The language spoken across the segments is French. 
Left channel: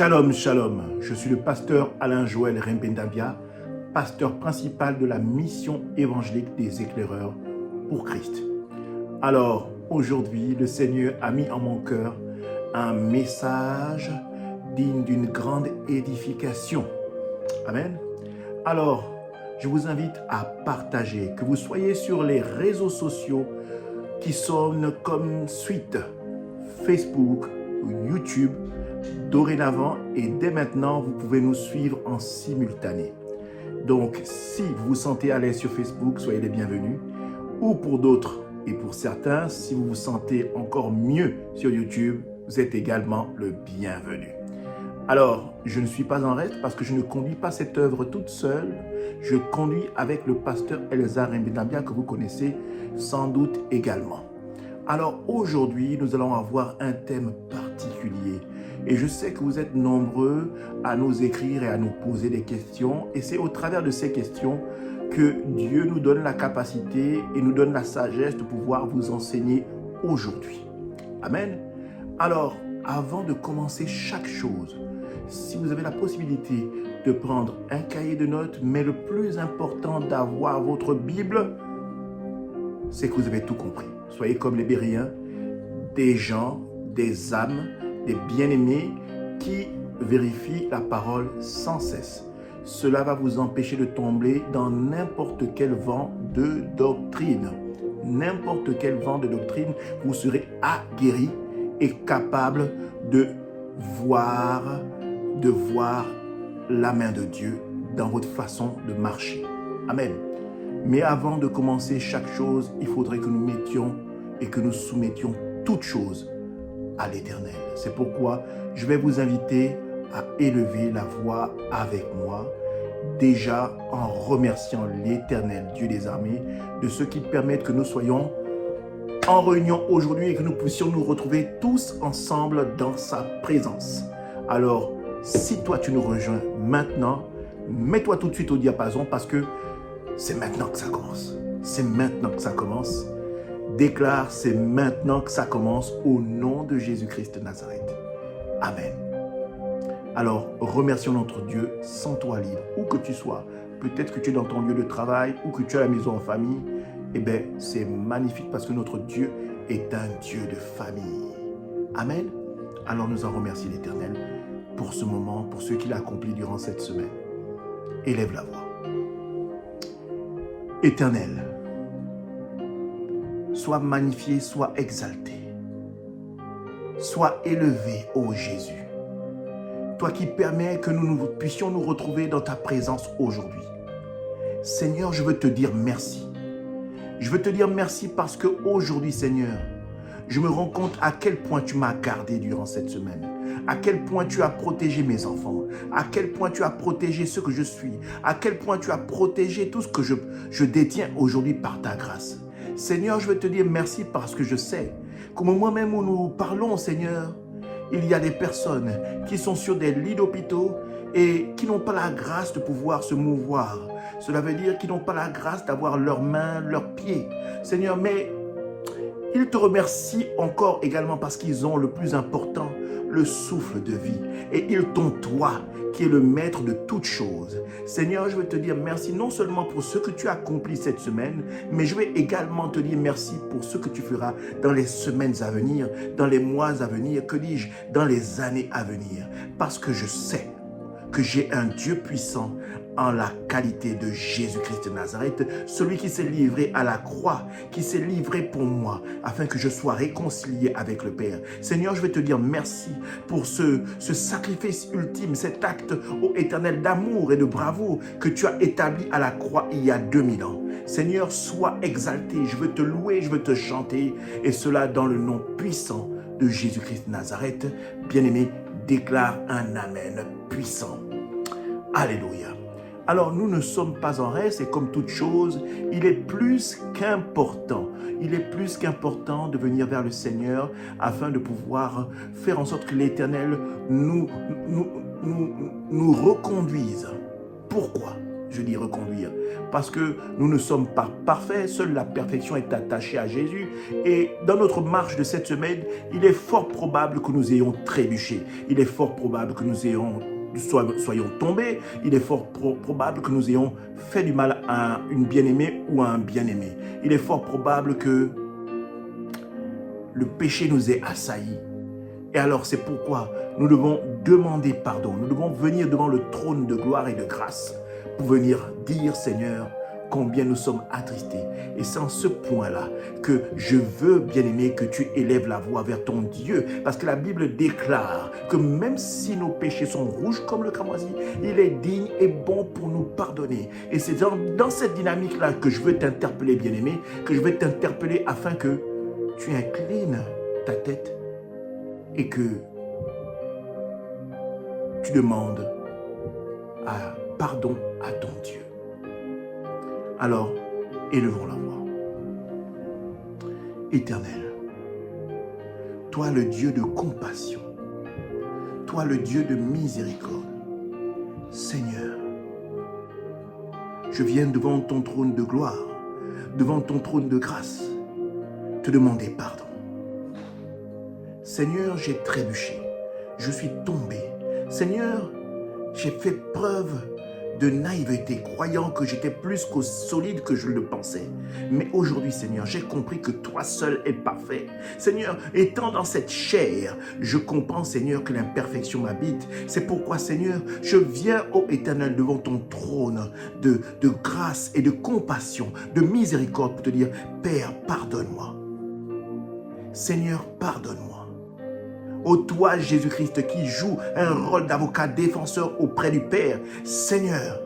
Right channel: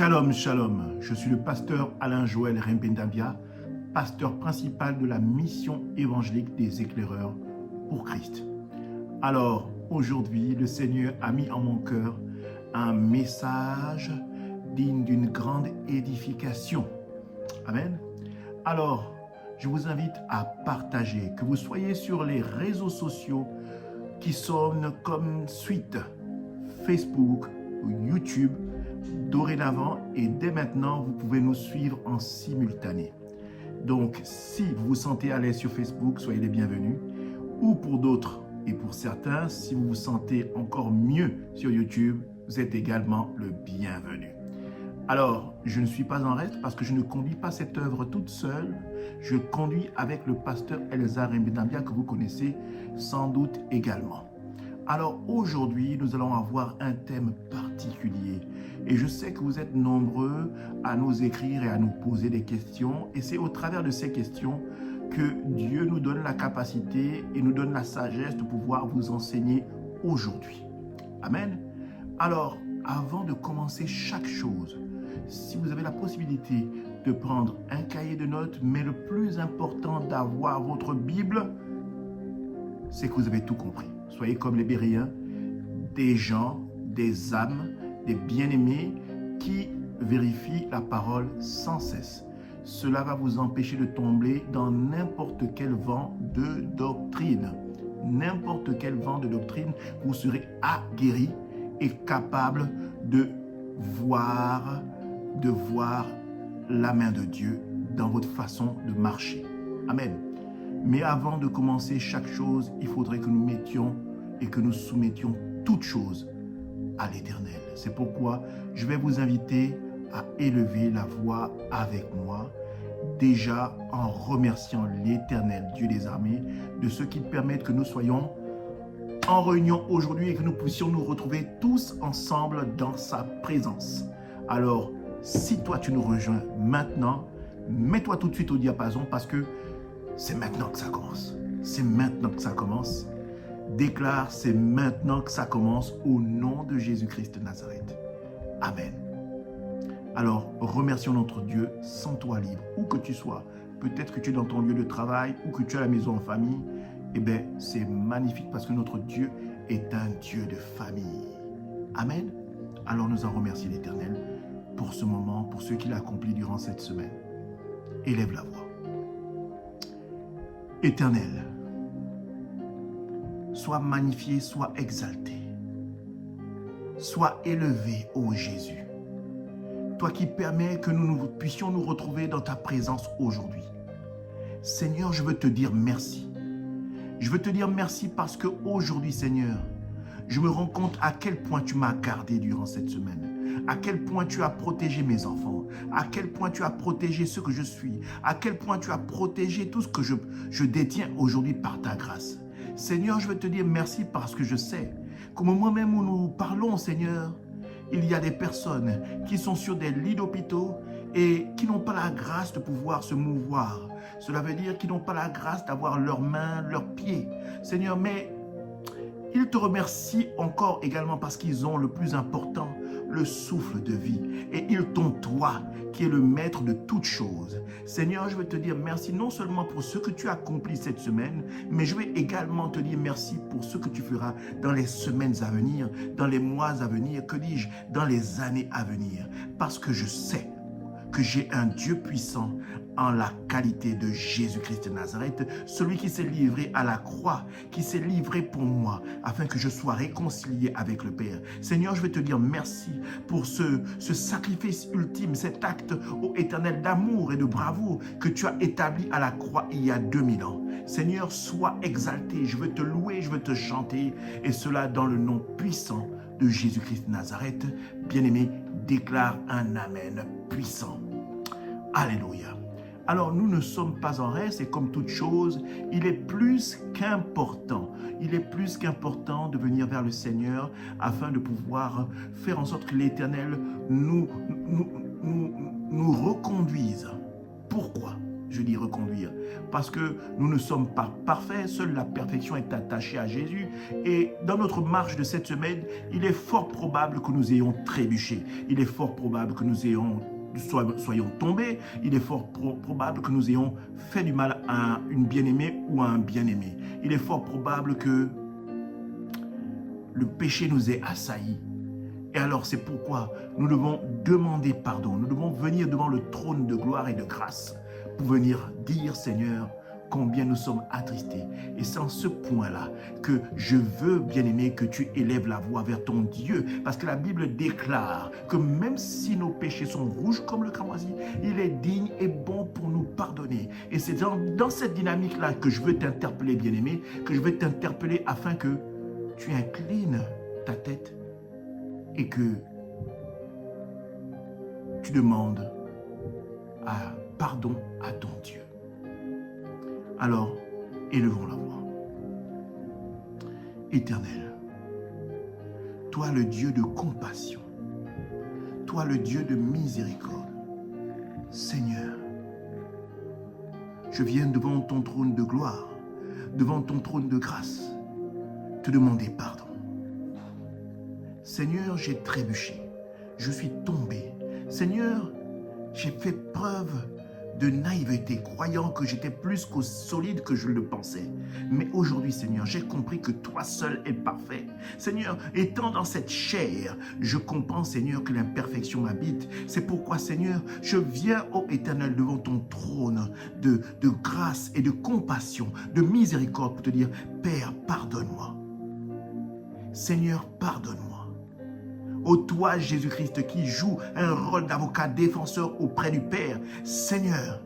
Shalom, shalom. Je suis le pasteur Alain-Joël Rembendabia, pasteur principal de la mission évangélique des éclaireurs pour Christ. Alors, aujourd'hui, le Seigneur a mis en mon cœur un message digne d'une grande édification. Amen. Alors, je vous invite à partager, que vous soyez sur les réseaux sociaux qui sonnent comme suite Facebook ou YouTube. Dorénavant et dès maintenant, vous pouvez nous suivre en simultané. Donc, si vous vous sentez à l'aise sur Facebook, soyez les bienvenus. Ou pour d'autres et pour certains, si vous vous sentez encore mieux sur YouTube, vous êtes également le bienvenu. Alors, je ne suis pas en reste parce que je ne conduis pas cette œuvre toute seule. Je conduis avec le pasteur Elzar Rembendabia que vous connaissez sans doute également. Alors aujourd'hui, nous allons avoir un thème particulier. Et je sais que vous êtes nombreux à nous écrire et à nous poser des questions. Et c'est au travers de ces questions que Dieu nous donne la capacité et nous donne la sagesse de pouvoir vous enseigner aujourd'hui. Amen. Alors, avant de commencer chaque chose, si vous avez la possibilité de prendre un cahier de notes, mais le plus important d'avoir votre Bible, c'est que vous avez tout compris. Soyez comme les Béréens, des gens, des âmes, des bien-aimés qui vérifient la parole sans cesse. Cela va vous empêcher de tomber dans n'importe quel vent de doctrine. N'importe quel vent de doctrine, vous serez aguerri et capable de voir la main de Dieu dans votre façon de marcher. Amen. Mais avant de commencer chaque chose, il faudrait que nous mettions et que nous soumettions toutes choses à l'Éternel. C'est pourquoi je vais vous inviter à élever la voix avec moi, déjà en remerciant l'Éternel, Dieu des armées, de ce qui permet que nous soyons en réunion aujourd'hui et que nous puissions nous retrouver tous ensemble dans sa présence. Alors, si toi tu nous rejoins maintenant, mets-toi tout de suite au diapason parce que c'est maintenant que ça commence. C'est maintenant que ça commence. Déclare, c'est maintenant que ça commence au nom de Jésus-Christ de Nazareth. Amen. Alors, remercions notre Dieu, sens-toi libre, où que tu sois. Peut-être que tu es dans ton lieu de travail ou que tu es à la maison en famille. Eh bien, c'est magnifique parce que notre Dieu est un Dieu de famille. Amen. Alors, nous en remercions l'Éternel pour ce moment, pour ce qu'il a accompli durant cette semaine. Élève la voix. Éternel, sois magnifié, sois exalté. Sois élevé, ô Jésus. Toi qui permets que nous puissions nous retrouver dans ta présence aujourd'hui. Seigneur, je veux te dire merci. Je veux te dire merci parce qu'aujourd'hui, Seigneur, je me rends compte à quel point tu m'as gardé durant cette semaine, à quel point tu as protégé mes enfants, à quel point tu as protégé ce que je suis, à quel point tu as protégé tout ce que je détiens aujourd'hui par ta grâce. Seigneur, je veux te dire merci parce que je sais qu'au moment même où nous parlons, Seigneur, il y a des personnes qui sont sur des lits d'hôpitaux et qui n'ont pas la grâce de pouvoir se mouvoir. Cela veut dire qu'ils n'ont pas la grâce d'avoir leurs mains, leurs pieds. Seigneur, mais ils te remercient encore également parce qu'ils ont le plus important, le souffle de vie. Et ils t'ont toi, qui est le maître de toutes choses. Seigneur, je veux te dire merci non seulement pour ce que tu as accompli cette semaine, mais je vais également te dire merci pour ce que tu feras dans les semaines à venir, dans les mois à venir, que dis-je, dans les années à venir. Parce que je sais que j'ai un Dieu puissant en la qualité de Jésus-Christ de Nazareth, celui qui s'est livré à la croix, qui s'est livré pour moi, afin que je sois réconcilié avec le Père. Seigneur, je vais te dire merci pour ce sacrifice ultime, cet acte, ô Éternel, d'amour et de bravoure que tu as établi à la croix il y a 2000 ans. Seigneur, sois exalté, je veux te louer, je veux te chanter, et cela dans le nom puissant de Jésus-Christ de Nazareth. Bien-aimé, déclare un Amen puissant. Alléluia. Alors, nous ne sommes pas en reste et comme toute chose, il est plus qu'important de venir vers le Seigneur afin de pouvoir faire en sorte que l'Éternel nous reconduise. Pourquoi? Je dis reconduire. Parce que nous ne sommes pas parfaits. Seule la perfection est attachée à Jésus. Et dans notre marche de cette semaine, il est fort probable que nous ayons trébuché. Il est fort probable que nous soyons tombés. Il est fort probable que nous ayons fait du mal à une bien-aimée ou à un bien-aimé. Il est fort probable que le péché nous ait assaillis. Et alors c'est pourquoi nous devons demander pardon. Nous devons venir devant le trône de gloire et de grâce pour venir dire, Seigneur, combien nous sommes attristés. Et c'est en ce point-là que je veux, bien-aimé, que tu élèves la voix vers ton Dieu. Parce que la Bible déclare que même si nos péchés sont rouges comme le cramoisi, il est digne et bon pour nous pardonner. Et c'est dans cette dynamique-là que je veux t'interpeller, bien-aimé, que je veux t'interpeller afin que tu inclines ta tête et que tu demandes pardon à ton Dieu. Alors, élevons la voix. Éternel, toi le Dieu de compassion, toi le Dieu de miséricorde, Seigneur, je viens devant ton trône de gloire, devant ton trône de grâce, te demander pardon. Seigneur, j'ai trébuché, je suis tombé. Seigneur, j'ai fait preuve de naïveté, croyant que j'étais plus qu'au solide que je le pensais. Mais aujourd'hui, Seigneur, j'ai compris que toi seul es parfait. Seigneur, étant dans cette chair, je comprends, Seigneur, que l'imperfection m'habite. C'est pourquoi, Seigneur, je viens, ô Éternel, devant ton trône de grâce et de compassion, de miséricorde pour te dire, Père, pardonne-moi. Seigneur, pardonne-moi. Ô toi, Jésus-Christ, qui joue un rôle d'avocat défenseur auprès du Père, Seigneur,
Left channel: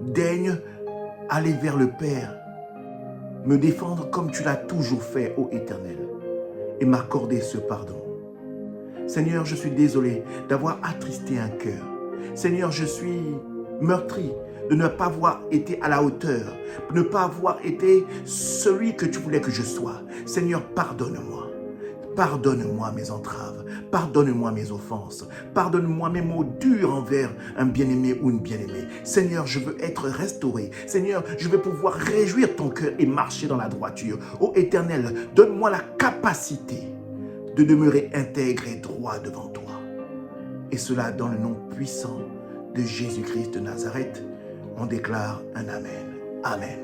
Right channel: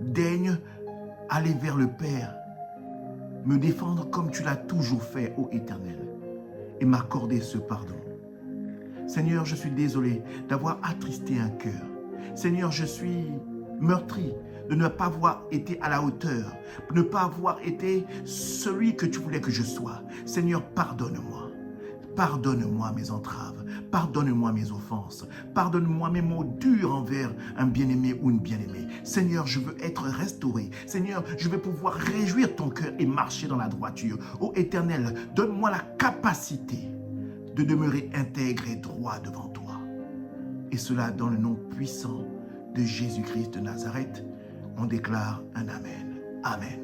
daigne aller vers le Père, me défendre comme tu l'as toujours fait, ô Éternel, et m'accorder ce pardon. Seigneur, je suis désolé d'avoir attristé un cœur. Seigneur, je suis meurtri de ne pas avoir été à la hauteur, de ne pas avoir été celui que tu voulais que je sois. Seigneur, pardonne-moi. Pardonne-moi mes entraves, pardonne-moi mes offenses, pardonne-moi mes mots durs envers un bien-aimé ou une bien-aimée. Seigneur, je veux être restauré. Seigneur, je veux pouvoir réjouir ton cœur et marcher dans la droiture. Ô Éternel, donne-moi la capacité de demeurer intègre et droit devant toi. Et cela dans le nom puissant de Jésus-Christ de Nazareth, on déclare un Amen. Amen.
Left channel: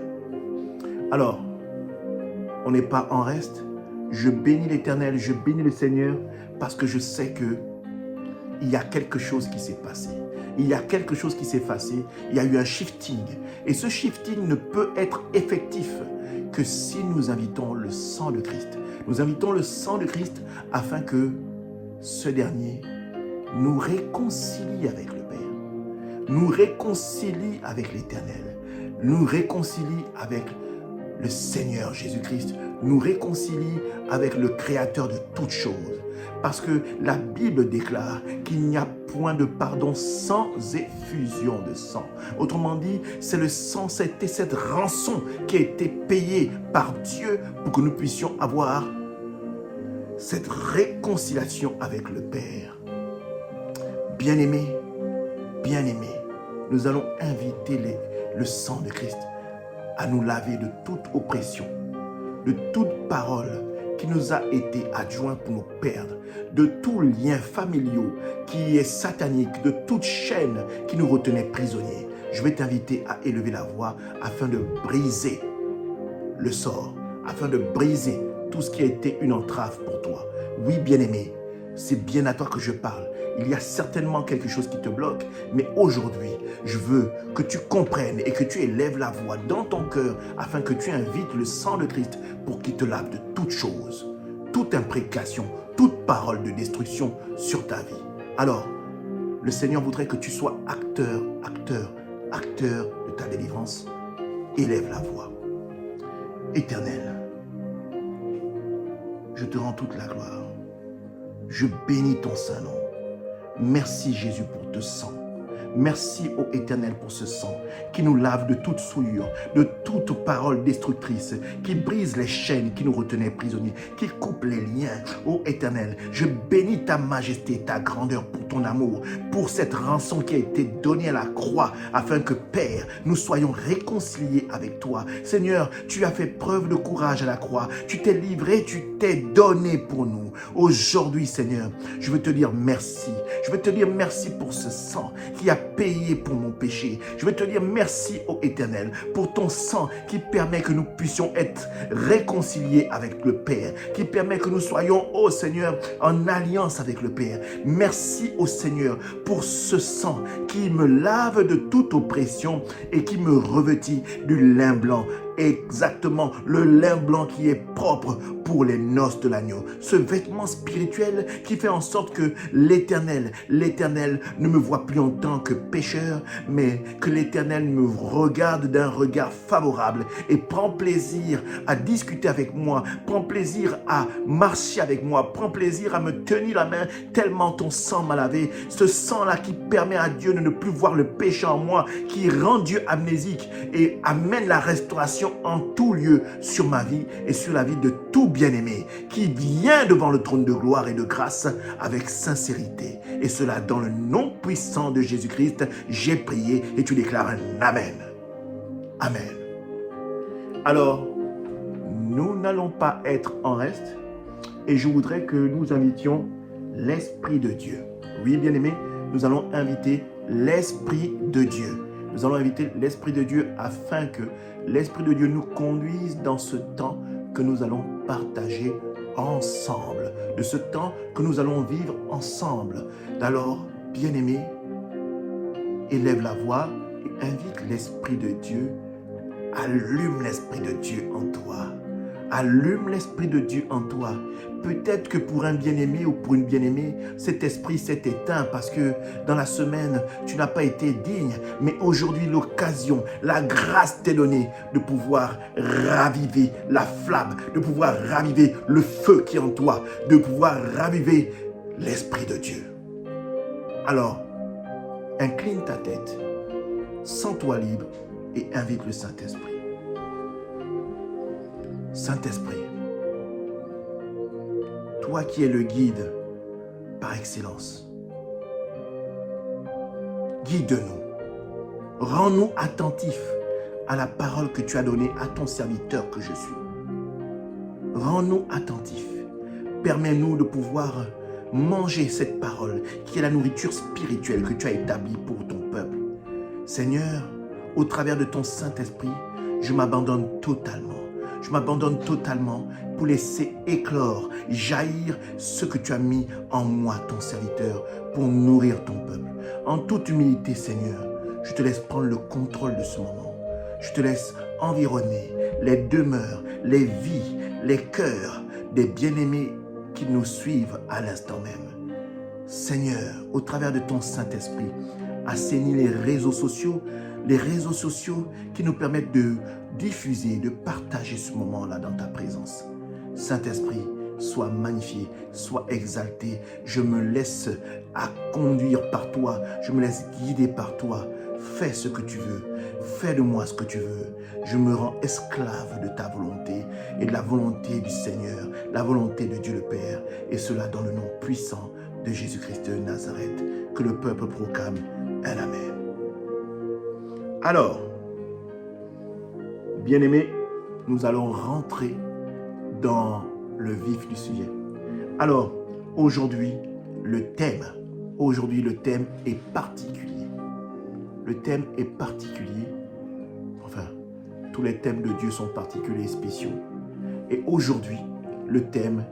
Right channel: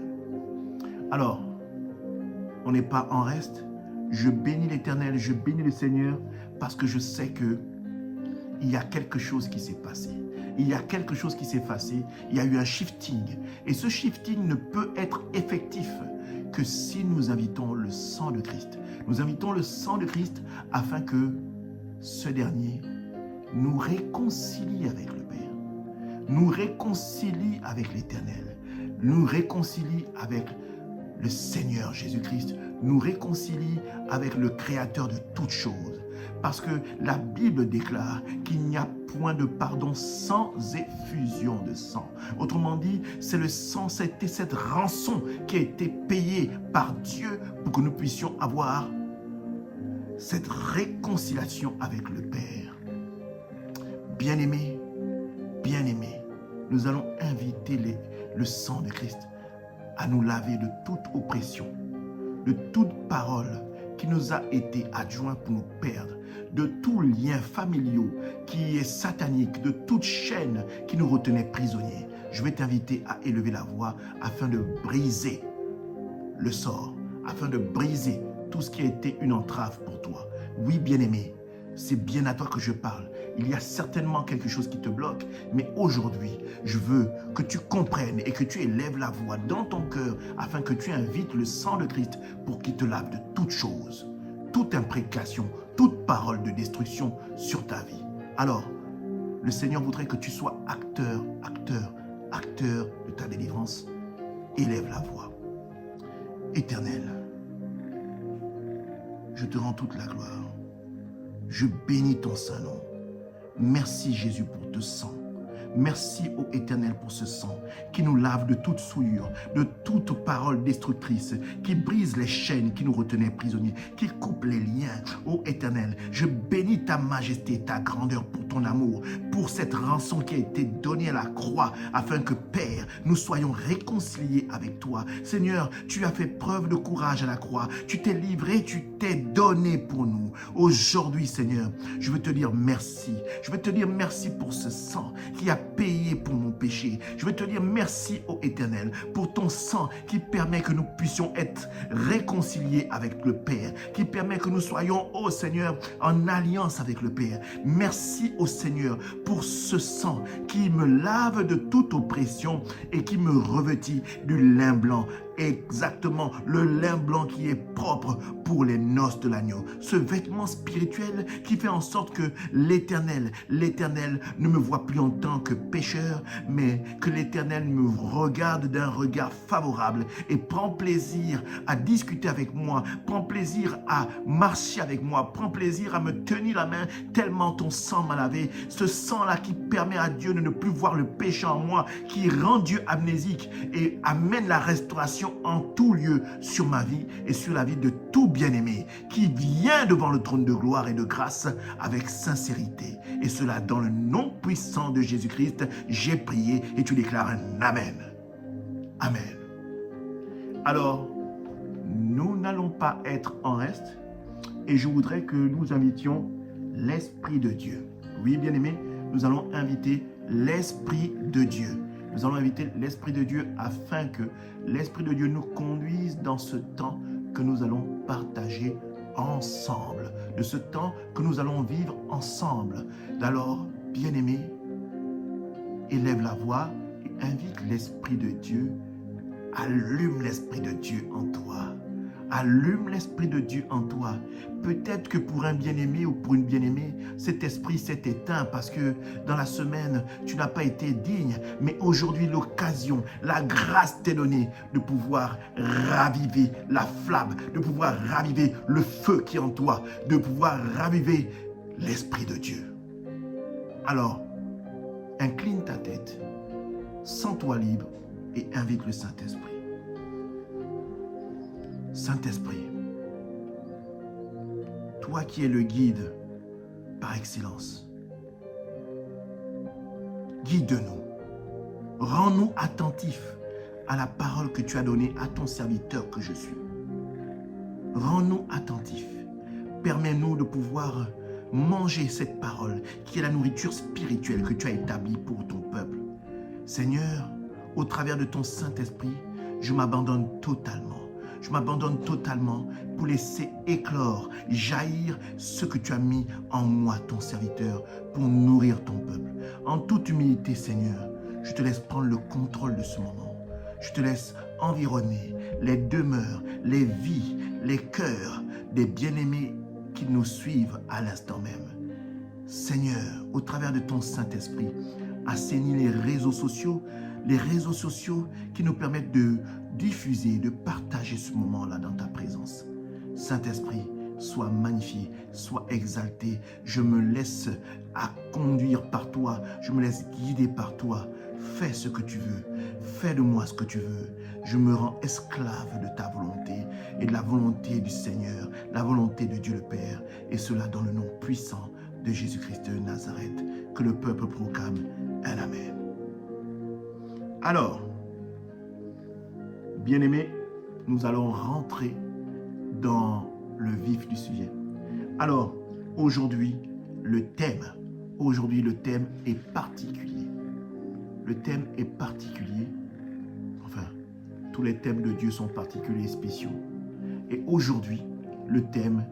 Alors, on n'est pas en reste. Je bénis l'Éternel, je bénis le Seigneur parce que je sais que il y a quelque chose qui s'est passé. Il y a quelque chose qui s'est passé. Il y a eu un shifting. Et ce shifting ne peut être effectif que si nous invitons le sang de Christ. Nous invitons le sang de Christ afin que ce dernier nous réconcilie avec le Père, nous réconcilie avec l'Éternel, nous réconcilie avec le Seigneur Jésus-Christ, nous réconcilie avec le Créateur de toutes choses. Parce que la Bible déclare qu'il n'y a point de pardon sans effusion de sang. Autrement dit, c'est le sang, c'était cette rançon qui a été payée par Dieu pour que nous puissions avoir cette réconciliation avec le Père. Bien-aimés, bien-aimés, nous allons inviter le sang de Christ à nous laver de toute oppression, de toute parole qui nous a été adjoint pour nous perdre, de tout lien familial qui est satanique, de toute chaîne qui nous retenait prisonniers. Je vais t'inviter à élever la voix afin de briser le sort, afin de briser tout ce qui a été une entrave pour toi. Oui, bien-aimé, c'est bien à toi que je parle. Il y a certainement quelque chose qui te bloque, mais aujourd'hui, je veux que tu comprennes et que tu élèves la voix dans ton cœur afin que tu invites le sang de Christ pour qu'il te lave de toutes choses, toute imprécation, toute parole de destruction sur ta vie. Alors, le Seigneur voudrait que tu sois acteur de ta délivrance. Élève la voix. Éternel, je te rends toute la gloire. Je bénis ton saint nom. Merci Jésus pour te sang. Merci, ô Éternel, pour ce sang qui nous lave de toute souillure, de toute parole destructrice, qui brise les chaînes qui nous retenaient prisonniers, qui coupe les liens. Ô Éternel, je bénis ta majesté, ta grandeur pour ton amour, pour cette rançon qui a été donnée à la croix, afin que, Père, nous soyons réconciliés avec toi. Seigneur, tu as fait preuve de courage à la croix. Tu t'es livré, tu t'es donné pour nous. Aujourd'hui, Seigneur, je veux te dire merci. Je veux te dire merci pour ce sang qui a payé pour mon péché. Je veux te dire merci, ô Éternel, pour ton sang qui permet que nous puissions être réconciliés avec le Père, qui permet que nous soyons, ô Seigneur, en alliance avec le Père. Merci, ô Seigneur, pour ce sang qui me lave de toute oppression et qui me revêtit du lin blanc. Exactement, le lin blanc qui est propre pour les noces de l'agneau. Ce vêtement spirituel qui fait en sorte que l'Éternel ne me voit plus en tant que pécheur, mais que l'Éternel me regarde d'un regard favorable et prend plaisir à discuter avec moi, prend plaisir à marcher avec moi, prend plaisir à me tenir la main tellement ton sang m'a lavé. Ce sang-là qui permet à Dieu de ne plus voir le péché en moi, qui rend Dieu amnésique et amène la restauration en tout lieu sur ma vie et sur la vie de tout bien-aimé qui vient devant le trône de gloire et de grâce avec sincérité. Et cela dans le nom puissant de Jésus-Christ, j'ai prié et tu déclares un Amen. Amen. Alors, nous n'allons pas être en reste et je voudrais que nous invitions l'Esprit de Dieu. Oui, bien-aimé, nous allons inviter l'Esprit de Dieu. Nous allons inviter l'Esprit de Dieu afin que l'Esprit de Dieu nous conduise dans ce temps que nous allons partager ensemble, de ce temps que nous allons vivre ensemble. Alors, bien-aimé, élève la voix et invite l'Esprit de Dieu. Allume l'Esprit de Dieu en toi. Allume l'Esprit de Dieu en toi. Peut-être que pour un bien-aimé ou pour une bien-aimée, cet esprit s'est éteint parce que dans la semaine, tu n'as pas été digne. Mais aujourd'hui, l'occasion, la grâce t'est donnée de pouvoir raviver la flamme, de pouvoir raviver le feu qui est en toi, de pouvoir raviver l'Esprit de Dieu. Alors, incline ta tête, sens-toi libre et invite le Saint-Esprit. Saint-Esprit, toi qui es le guide par excellence, guide-nous, rends-nous attentifs à la parole que tu as donnée à ton serviteur que je suis. Rends-nous attentifs, permets-nous de pouvoir manger cette parole qui est la nourriture spirituelle que tu as établie pour ton peuple. Seigneur, au travers de ton Saint-Esprit, je m'abandonne totalement. Je m'abandonne totalement pour laisser éclore, jaillir ce que tu as mis en moi, ton serviteur, pour nourrir ton peuple. En toute humilité, Seigneur, je te laisse prendre le contrôle de ce moment. Je te laisse environner les demeures, les vies, les cœurs des bien-aimés qui nous suivent à l'instant même. Seigneur, au travers de ton Saint-Esprit, assainis les réseaux sociaux qui nous permettent de diffuser, de partager ce moment-là dans ta présence. Saint-Esprit, sois magnifié, sois exalté. Je me laisse conduire par toi, je me laisse guider par toi. Fais ce que tu veux, fais de moi ce que tu veux. Je me rends esclave de ta volonté et de la volonté du Seigneur, la volonté de Dieu le Père, et cela dans le nom puissant de Jésus-Christ de Nazareth. Que le peuple proclame un Amen. Alors, bien-aimés, nous allons rentrer dans le vif du sujet. Alors, aujourd'hui, le thème est particulier. Le thème est particulier. Enfin, tous les thèmes de Dieu sont particuliers et spéciaux. Et aujourd'hui, le thème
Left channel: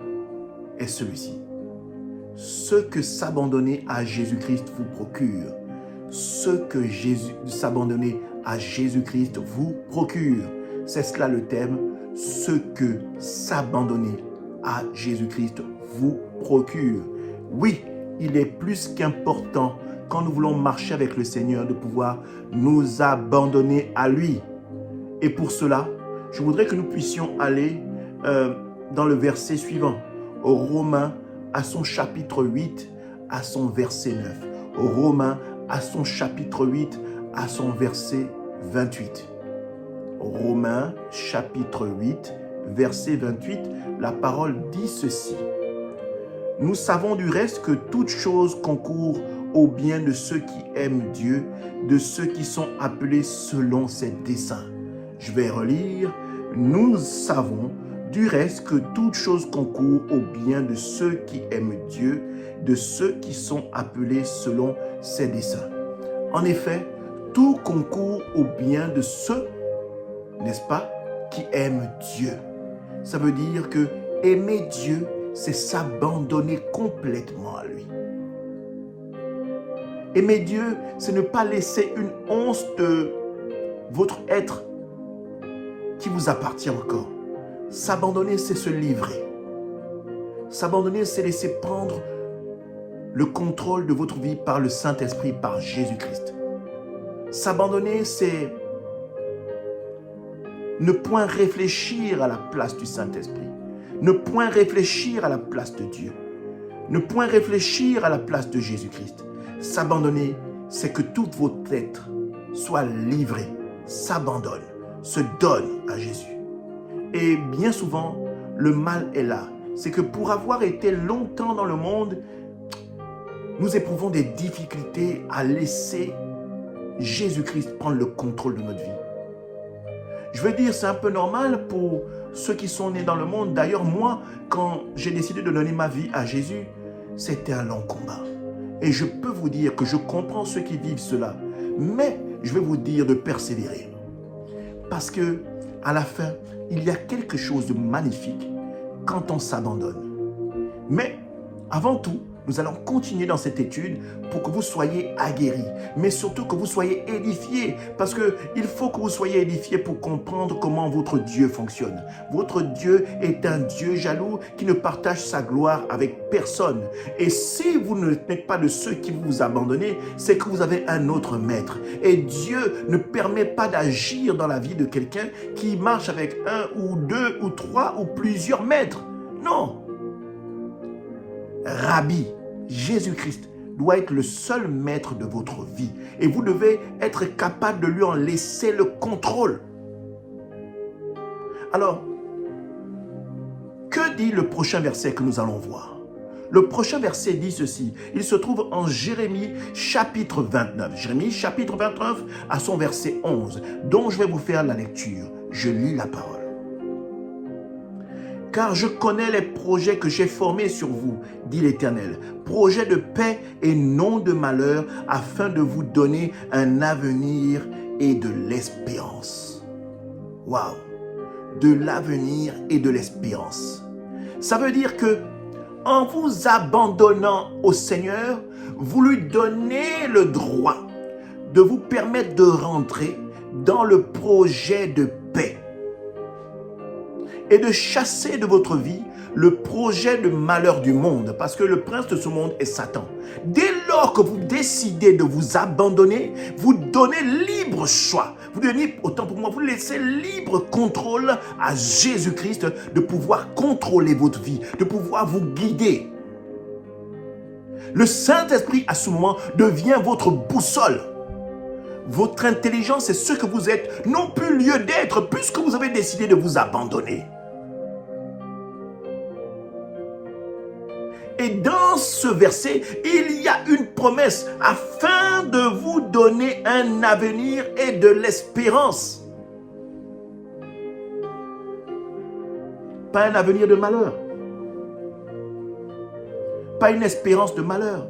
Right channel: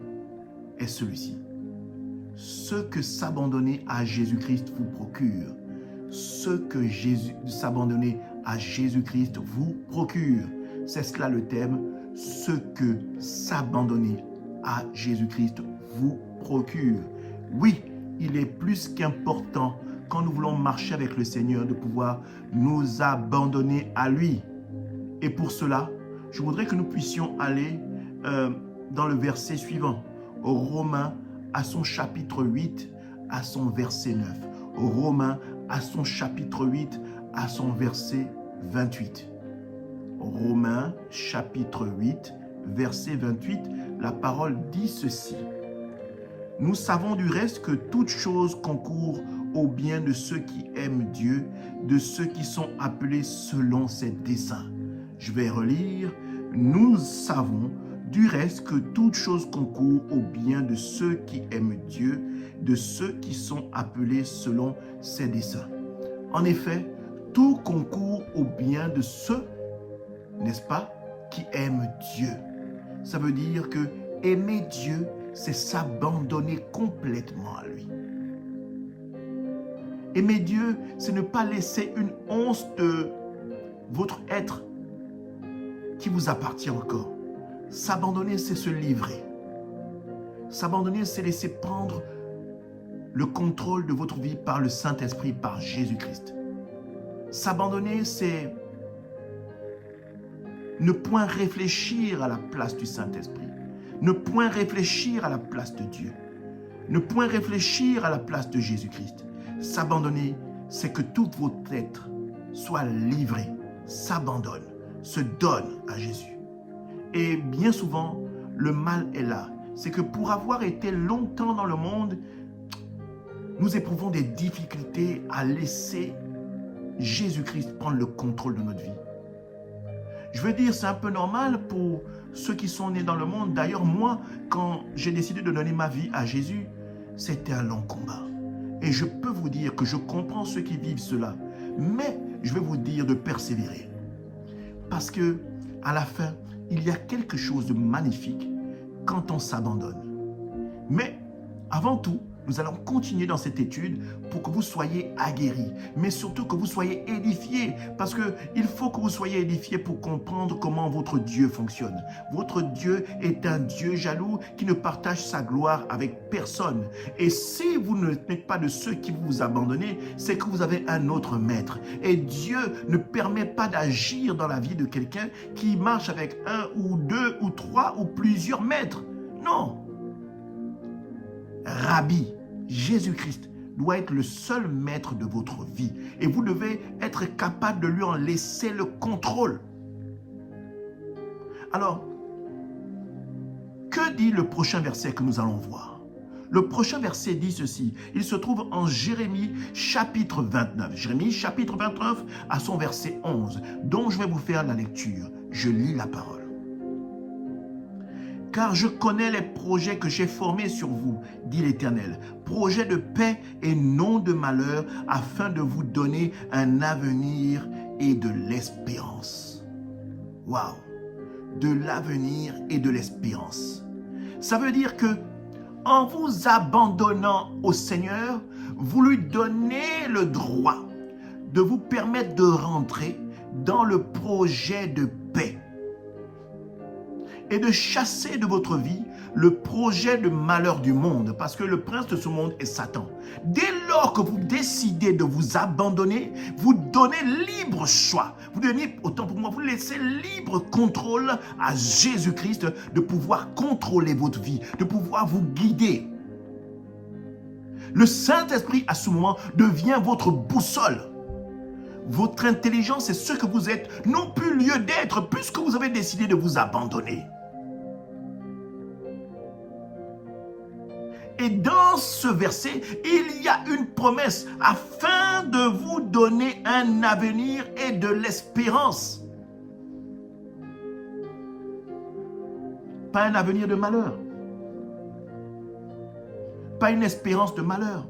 est celui-ci. Ce que s'abandonner à Jésus-Christ vous procure. Ce que s'abandonner à Jésus-Christ vous procure. C'est cela le thème. Ce que s'abandonner à Jésus-Christ vous procure. Oui, il est plus qu'important quand nous voulons marcher avec le Seigneur de pouvoir nous abandonner à lui. Et pour cela, je voudrais que nous puissions aller dans le verset suivant. Romains à son chapitre 8, à son verset 9. Romains à son chapitre 8, à son verset 28. Romains chapitre 8, verset 28, la parole dit ceci. Nous savons du reste que toute chose concourt au bien de ceux qui aiment Dieu, de ceux qui sont appelés selon ses desseins. Je vais relire. Nous savons du reste que toute chose concourt au bien de ceux qui aiment Dieu, de ceux qui sont appelés selon ses desseins. En effet, tout concourt au bien de ceux, n'est-ce pas, qui aiment Dieu. Ça veut dire que aimer Dieu, c'est s'abandonner complètement à lui. Aimer Dieu, c'est ne pas laisser une once de votre être qui vous appartient encore. S'abandonner, c'est se livrer. S'abandonner, c'est laisser prendre le contrôle de votre vie par le Saint-Esprit, par Jésus-Christ. S'abandonner, c'est ne point réfléchir à la place du Saint-Esprit. Ne point réfléchir à la place de Dieu. Ne point réfléchir à la place de Jésus-Christ. S'abandonner, c'est que tout votre être soit livré, s'abandonne, se donne à Jésus. Et bien souvent, le mal est là. C'est que pour avoir été longtemps dans le monde, nous éprouvons des difficultés à laisser Jésus-Christ prendre le contrôle de notre vie. Je veux dire, c'est un peu normal pour ceux qui sont nés dans le monde. D'ailleurs, moi, quand j'ai décidé de donner ma vie à Jésus, c'était un long combat. Et je peux vous dire que je comprends ceux qui vivent cela. Mais je vais vous dire de persévérer. Parce que à la fin, il y a quelque chose de magnifique quand on s'abandonne. Mais avant tout, nous allons continuer dans cette étude pour que vous soyez aguerris, mais surtout que vous soyez édifiés, parce qu'il faut que vous soyez édifiés pour comprendre comment votre Dieu fonctionne. Votre Dieu est un Dieu jaloux qui ne partage sa gloire avec personne. Et si vous n'êtes pas de ceux qui vous abandonnez, c'est que vous avez un autre maître. Et Dieu ne permet pas d'agir dans la vie de quelqu'un qui marche avec un ou deux ou trois ou plusieurs maîtres. Non. Rabbi, Jésus-Christ, doit être le seul maître de votre vie. Et vous devez être capable de lui en laisser le contrôle. Alors, que dit le prochain verset que nous allons voir? Le prochain verset dit ceci. Il se trouve en Jérémie chapitre 29. Jérémie chapitre 29 à son verset 11, dont je vais vous faire la lecture. Je lis la parole. Car je connais les projets que j'ai formés sur vous, dit l'Éternel, projets de paix et non de malheur, afin de vous donner un avenir et de l'espérance. Waouh! De l'avenir et de l'espérance. Ça veut dire que en vous abandonnant au Seigneur, vous lui donnez le droit de vous permettre de rentrer dans le projet de paix et de chasser de votre vie le projet de malheur du monde, parce que le prince de ce monde est Satan. Dès lors que vous décidez de vous abandonner, vous donnez libre choix. Vous donnez, autant pour moi, vous laissez libre contrôle à Jésus-Christ de pouvoir contrôler votre vie, de pouvoir vous guider. Le Saint-Esprit, à ce moment, devient votre boussole. Votre intelligence est ce que vous êtes, non plus lieu d'être, puisque vous avez décidé de vous abandonner. Et dans ce verset, il y a une promesse afin de vous donner un avenir et de l'espérance. Pas un avenir de malheur. Pas une espérance de malheur.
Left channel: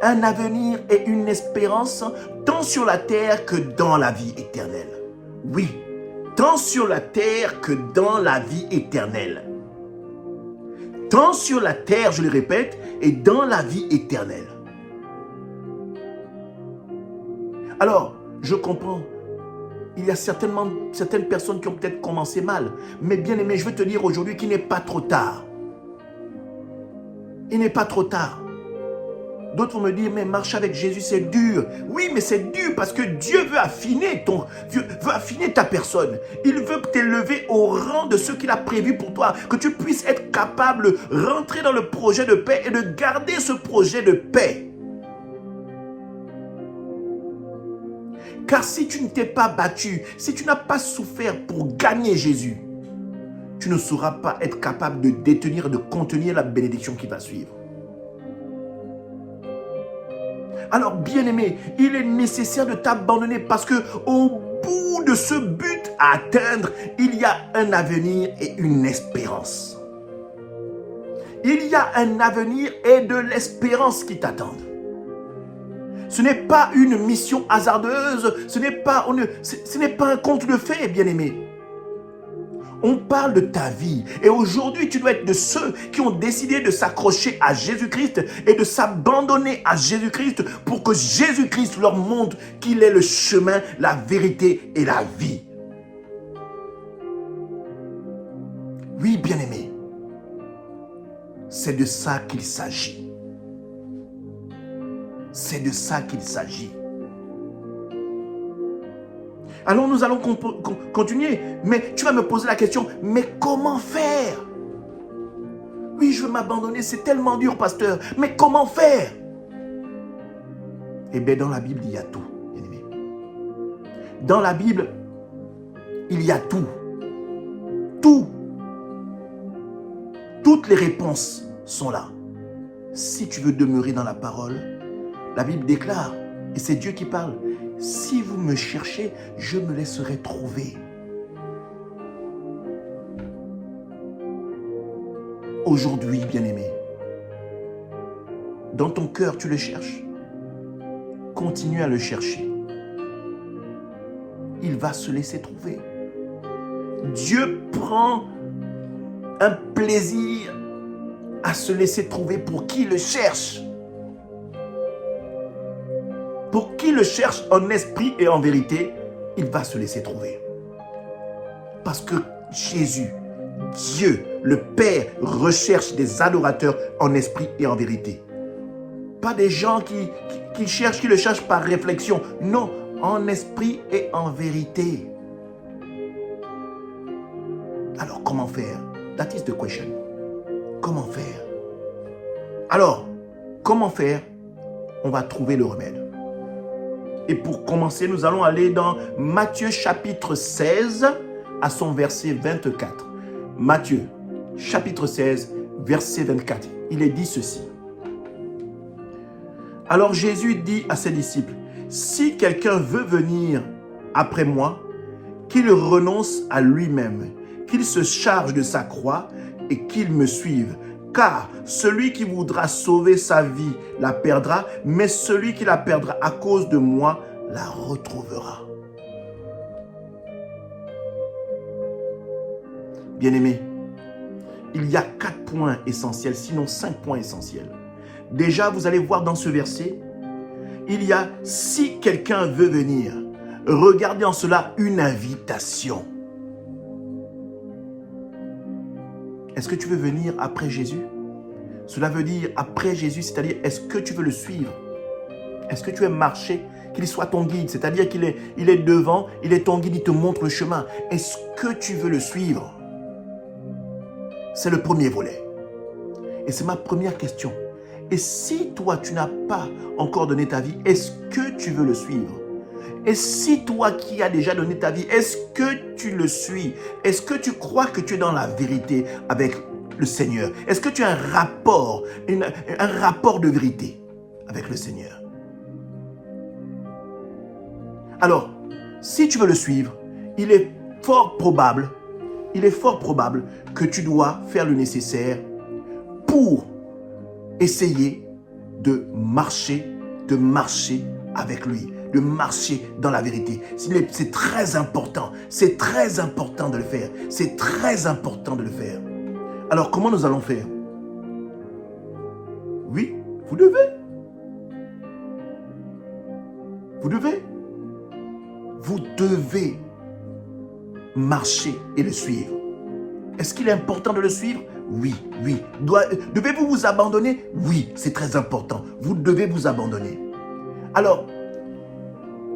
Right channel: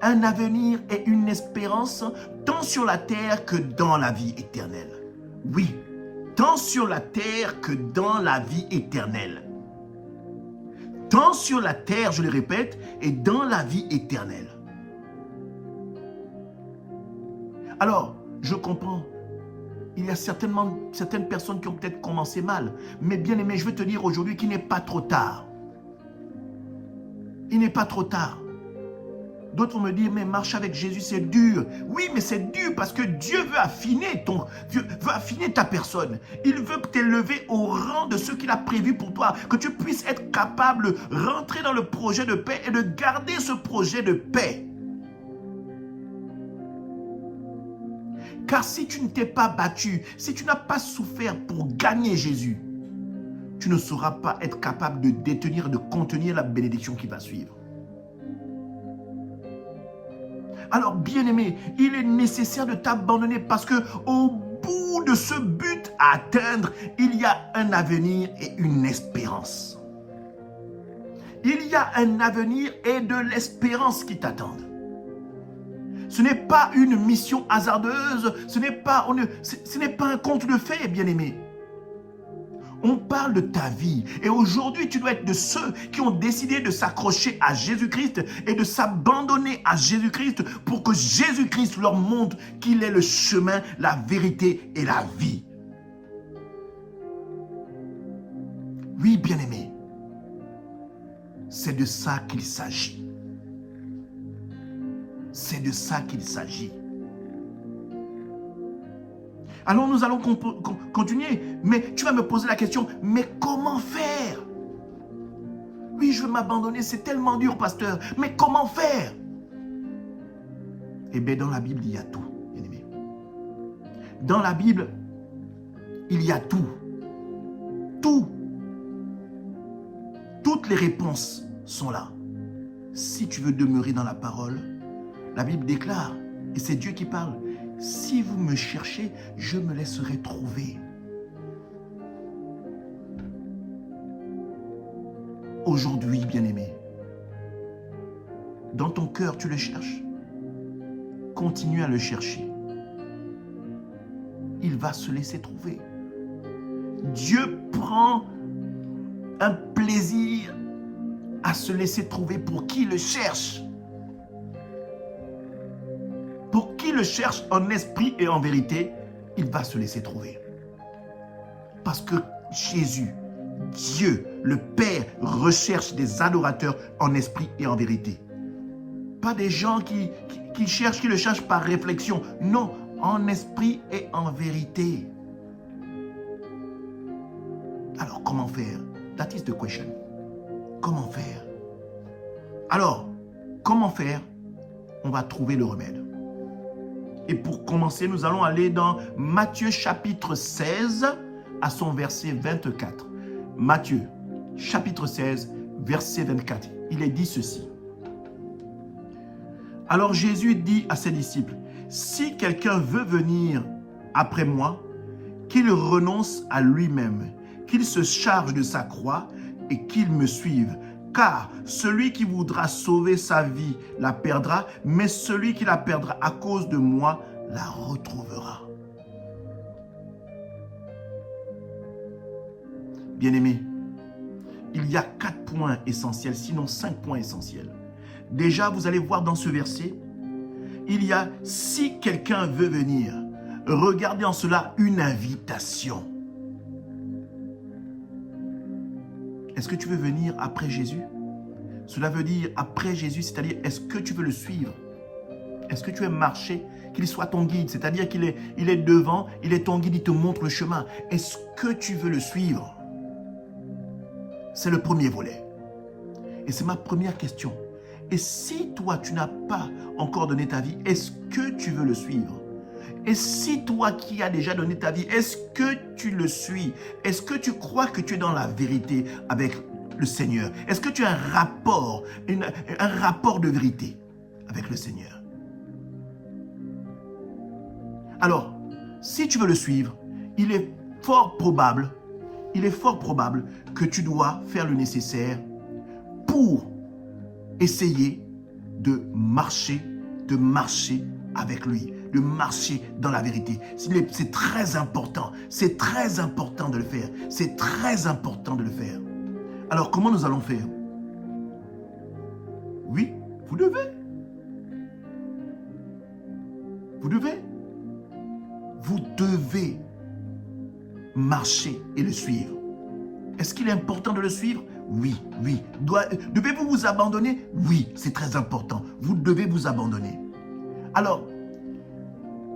Un avenir et une espérance tant sur la terre que dans la vie éternelle. Oui, tant sur la terre que dans la vie éternelle. Tant sur la terre, je le répète, et dans la vie éternelle. Alors, je comprends, il y a certaines personnes qui ont peut-être commencé mal, mais bien aimé, je veux te dire aujourd'hui qu'il n'est pas trop tard. Il n'est pas trop tard. D'autres vont me dire, mais marcher avec Jésus, c'est dur. Oui, mais c'est dur parce que Dieu veut affiner ta personne. Il veut t'élever au rang de ce qu'il a prévu pour toi. Que tu puisses être capable de rentrer dans le projet de paix et de garder ce projet de paix. Car si tu ne t'es pas battu, si tu n'as pas souffert pour gagner Jésus, tu ne sauras pas être capable de détenir et de contenir la bénédiction qui va suivre. Alors, bien-aimé, il est nécessaire de t'abandonner parce que au bout de ce but à atteindre, il y a un avenir et une espérance. Il y a un avenir et de l'espérance qui t'attendent. Ce n'est pas une mission hasardeuse, ce n'est pas un conte de fées, bien-aimé. On parle de ta vie et aujourd'hui, tu dois être de ceux qui ont décidé de s'accrocher à Jésus-Christ et de s'abandonner à Jésus-Christ pour que Jésus-Christ leur montre qu'il est le chemin, la vérité et la vie. Oui, bien-aimé, c'est de ça qu'il s'agit. C'est de ça qu'il s'agit. Alors nous allons continuer, mais tu vas me poser la question, mais comment faire? Oui, je veux m'abandonner, c'est tellement dur, pasteur, mais comment faire? Eh bien, dans la Bible, il y a tout, bien-aimé. Dans la Bible, il y a tout. Tout. Toutes les réponses sont là. Si tu veux demeurer dans la parole, la Bible déclare, et c'est Dieu qui parle, si vous me cherchez, je me laisserai trouver. Aujourd'hui, bien-aimé, dans ton cœur, tu le cherches. Continue à le chercher. Il va se laisser trouver. Dieu prend un plaisir à se laisser trouver pour qui le cherche. Pour qui le cherche en esprit et en vérité, il va se laisser trouver. Parce que Jésus, Dieu, le Père, recherche des adorateurs en esprit et en vérité. Pas des gens qui le cherchent par réflexion. Non, en esprit et en vérité. Alors, comment faire? That is the question. Comment faire? Alors, comment faire? On va trouver le remède. Et pour commencer, nous allons aller dans Matthieu chapitre 16 à son verset 24. Matthieu chapitre 16, verset 24. Il est dit ceci. Alors Jésus dit à ses disciples, « Si quelqu'un veut venir après moi, qu'il renonce à lui-même, qu'il se charge de sa croix et qu'il me suive. Car celui qui voudra sauver sa vie la perdra, mais celui qui la perdra à cause de moi la retrouvera. » Bien-aimés, il y a 4 points essentiels, sinon 5 points essentiels. Déjà, vous allez voir dans ce verset, il y a « si quelqu'un veut venir ». Regardez en cela une invitation. Est-ce que tu veux venir après Jésus? Cela veut dire après Jésus, c'est-à-dire est-ce que tu veux le suivre? Est-ce que tu veux marcher, qu'il soit ton guide? C'est-à-dire qu'il est devant, il est ton guide, il te montre le chemin. Est-ce que tu veux le suivre? C'est le premier volet. Et c'est ma première question. Et si toi, tu n'as pas encore donné ta vie, est-ce que tu veux le suivre? Et si toi qui as déjà donné ta vie, est-ce que tu le suis? Est-ce que tu crois que tu es dans la vérité avec le Seigneur? Est-ce que tu as un rapport de vérité avec le Seigneur? Alors, si tu veux le suivre, il est fort probable que tu dois faire le nécessaire pour essayer de marcher avec lui, de marcher dans la vérité. C'est très important de le faire. C'est très important de le faire. Alors, comment nous allons faire? Oui, vous devez. Vous devez marcher et le suivre. Est-ce qu'il est important de le suivre? Oui. Devez-vous vous abandonner? Oui, c'est très important. Vous devez vous abandonner. Alors,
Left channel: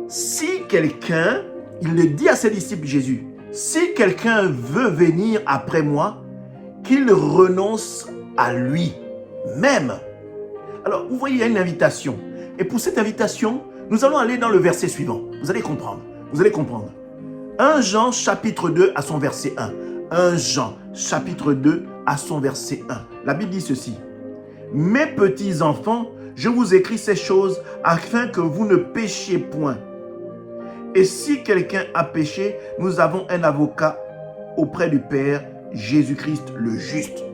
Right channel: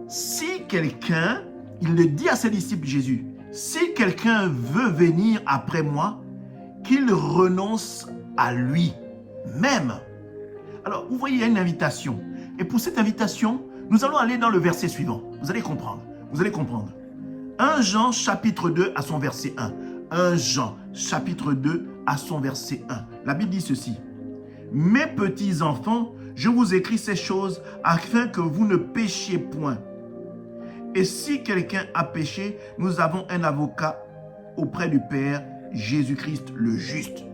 si quelqu'un, il le dit à ses disciples Jésus, si quelqu'un veut venir après moi, qu'il renonce à lui-même. Alors, vous voyez, il y a une invitation. Et pour cette invitation, Nous allons aller dans le verset suivant. Vous allez comprendre. Vous allez comprendre. 1 Jean chapitre 2 à son verset 1. 1 Jean chapitre 2 à son verset 1. La Bible dit ceci. Mes petits enfants, je vous écris ces choses afin que vous ne péchiez point. Et si quelqu'un a péché, nous avons un avocat auprès du Père, Jésus-Christ le juste.